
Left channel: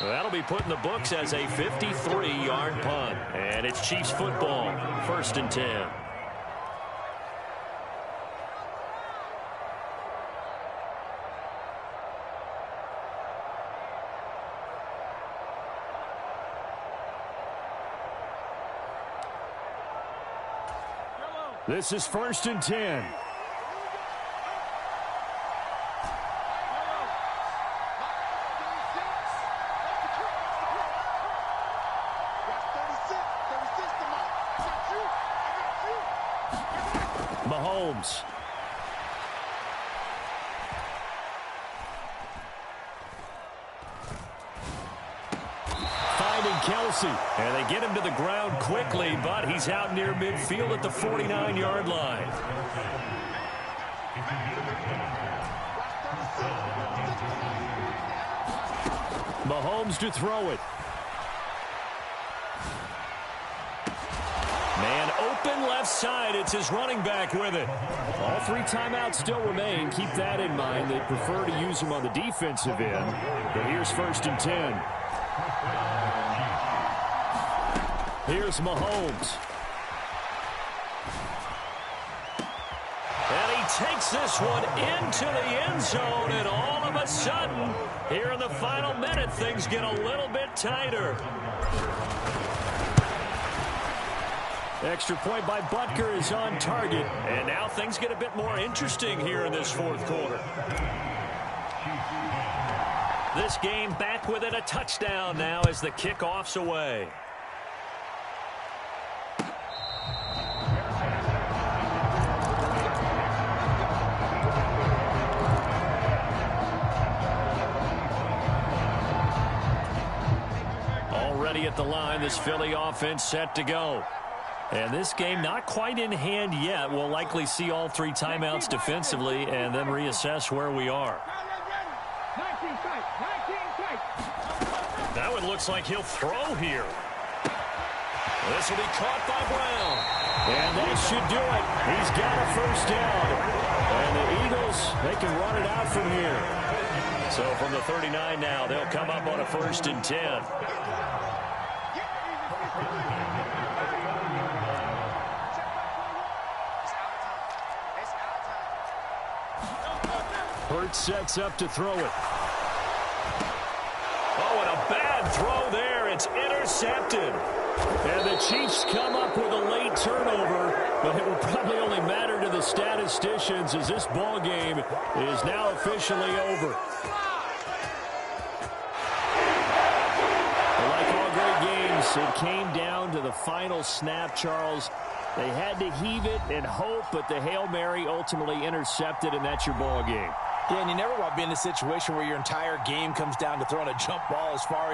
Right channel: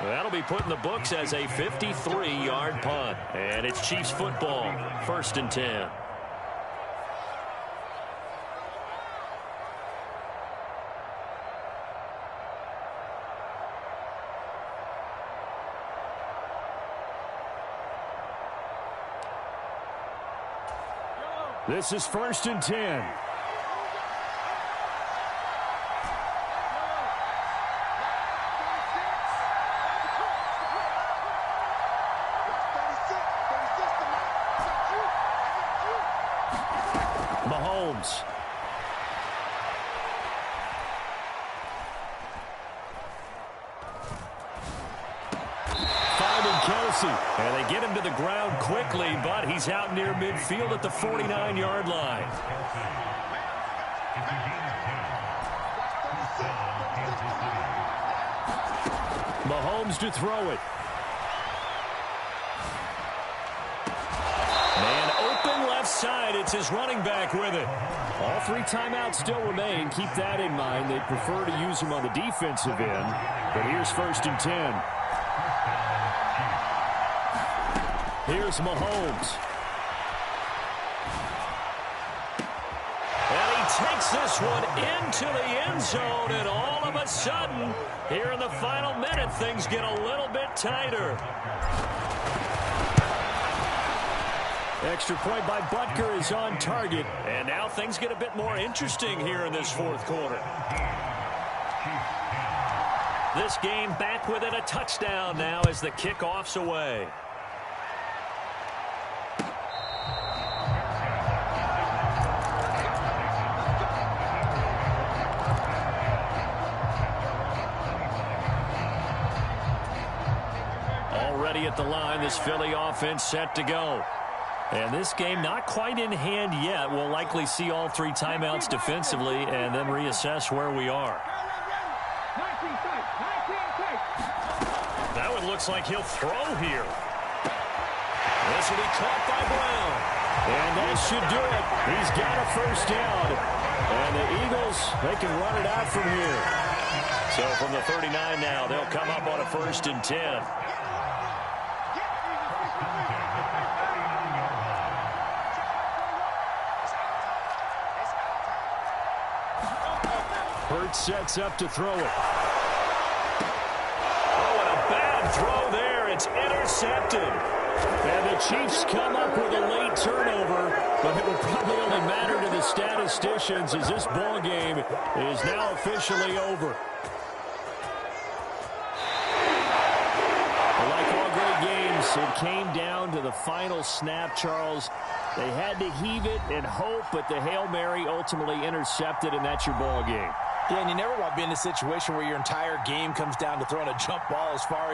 That'll be put in the books as a 53-yard punt. And it's Chiefs football, 1st and 10. This is 1st and 10. Mahomes. Finding Kelsey. And they get him to the ground quickly, but he's out near midfield at the 49-yard line. Mahomes to throw it. Man open left side. It's his running back with it. All 3 timeouts still remain. Keep that in mind. They prefer to use them on the defensive end. But here's 1st and 10. Here's Mahomes. And he takes this one into the end zone. And all of a sudden, here in the final minute, things get a little bit tighter. Extra point by Butker is on target. And now things get a bit more interesting here in this 4th quarter. This game back within a touchdown now as the kickoff's away. Already at the line, this Philly offense set to go. And this game not quite in hand yet. We'll likely see all 3 timeouts defensively and then reassess where we are. That one looks like he'll throw here. This will be caught by Brown. And that should do it. He's got a 1st down. And the Eagles, they can run it out from here. So from the 39 now, they'll come up on a 1st and 10. Hurts sets up to throw it. Oh, and a bad throw there. It's intercepted. And the Chiefs come up with a late turnover, but it will probably only matter to the statisticians as this ball game is now officially over. Like all great games, it came down to the final snap, Charles. They had to heave it and hope, but the Hail Mary ultimately intercepted, and that's your ball game. Yeah, and you never want to be in a situation where your entire game comes down to throwing a jump ball as far as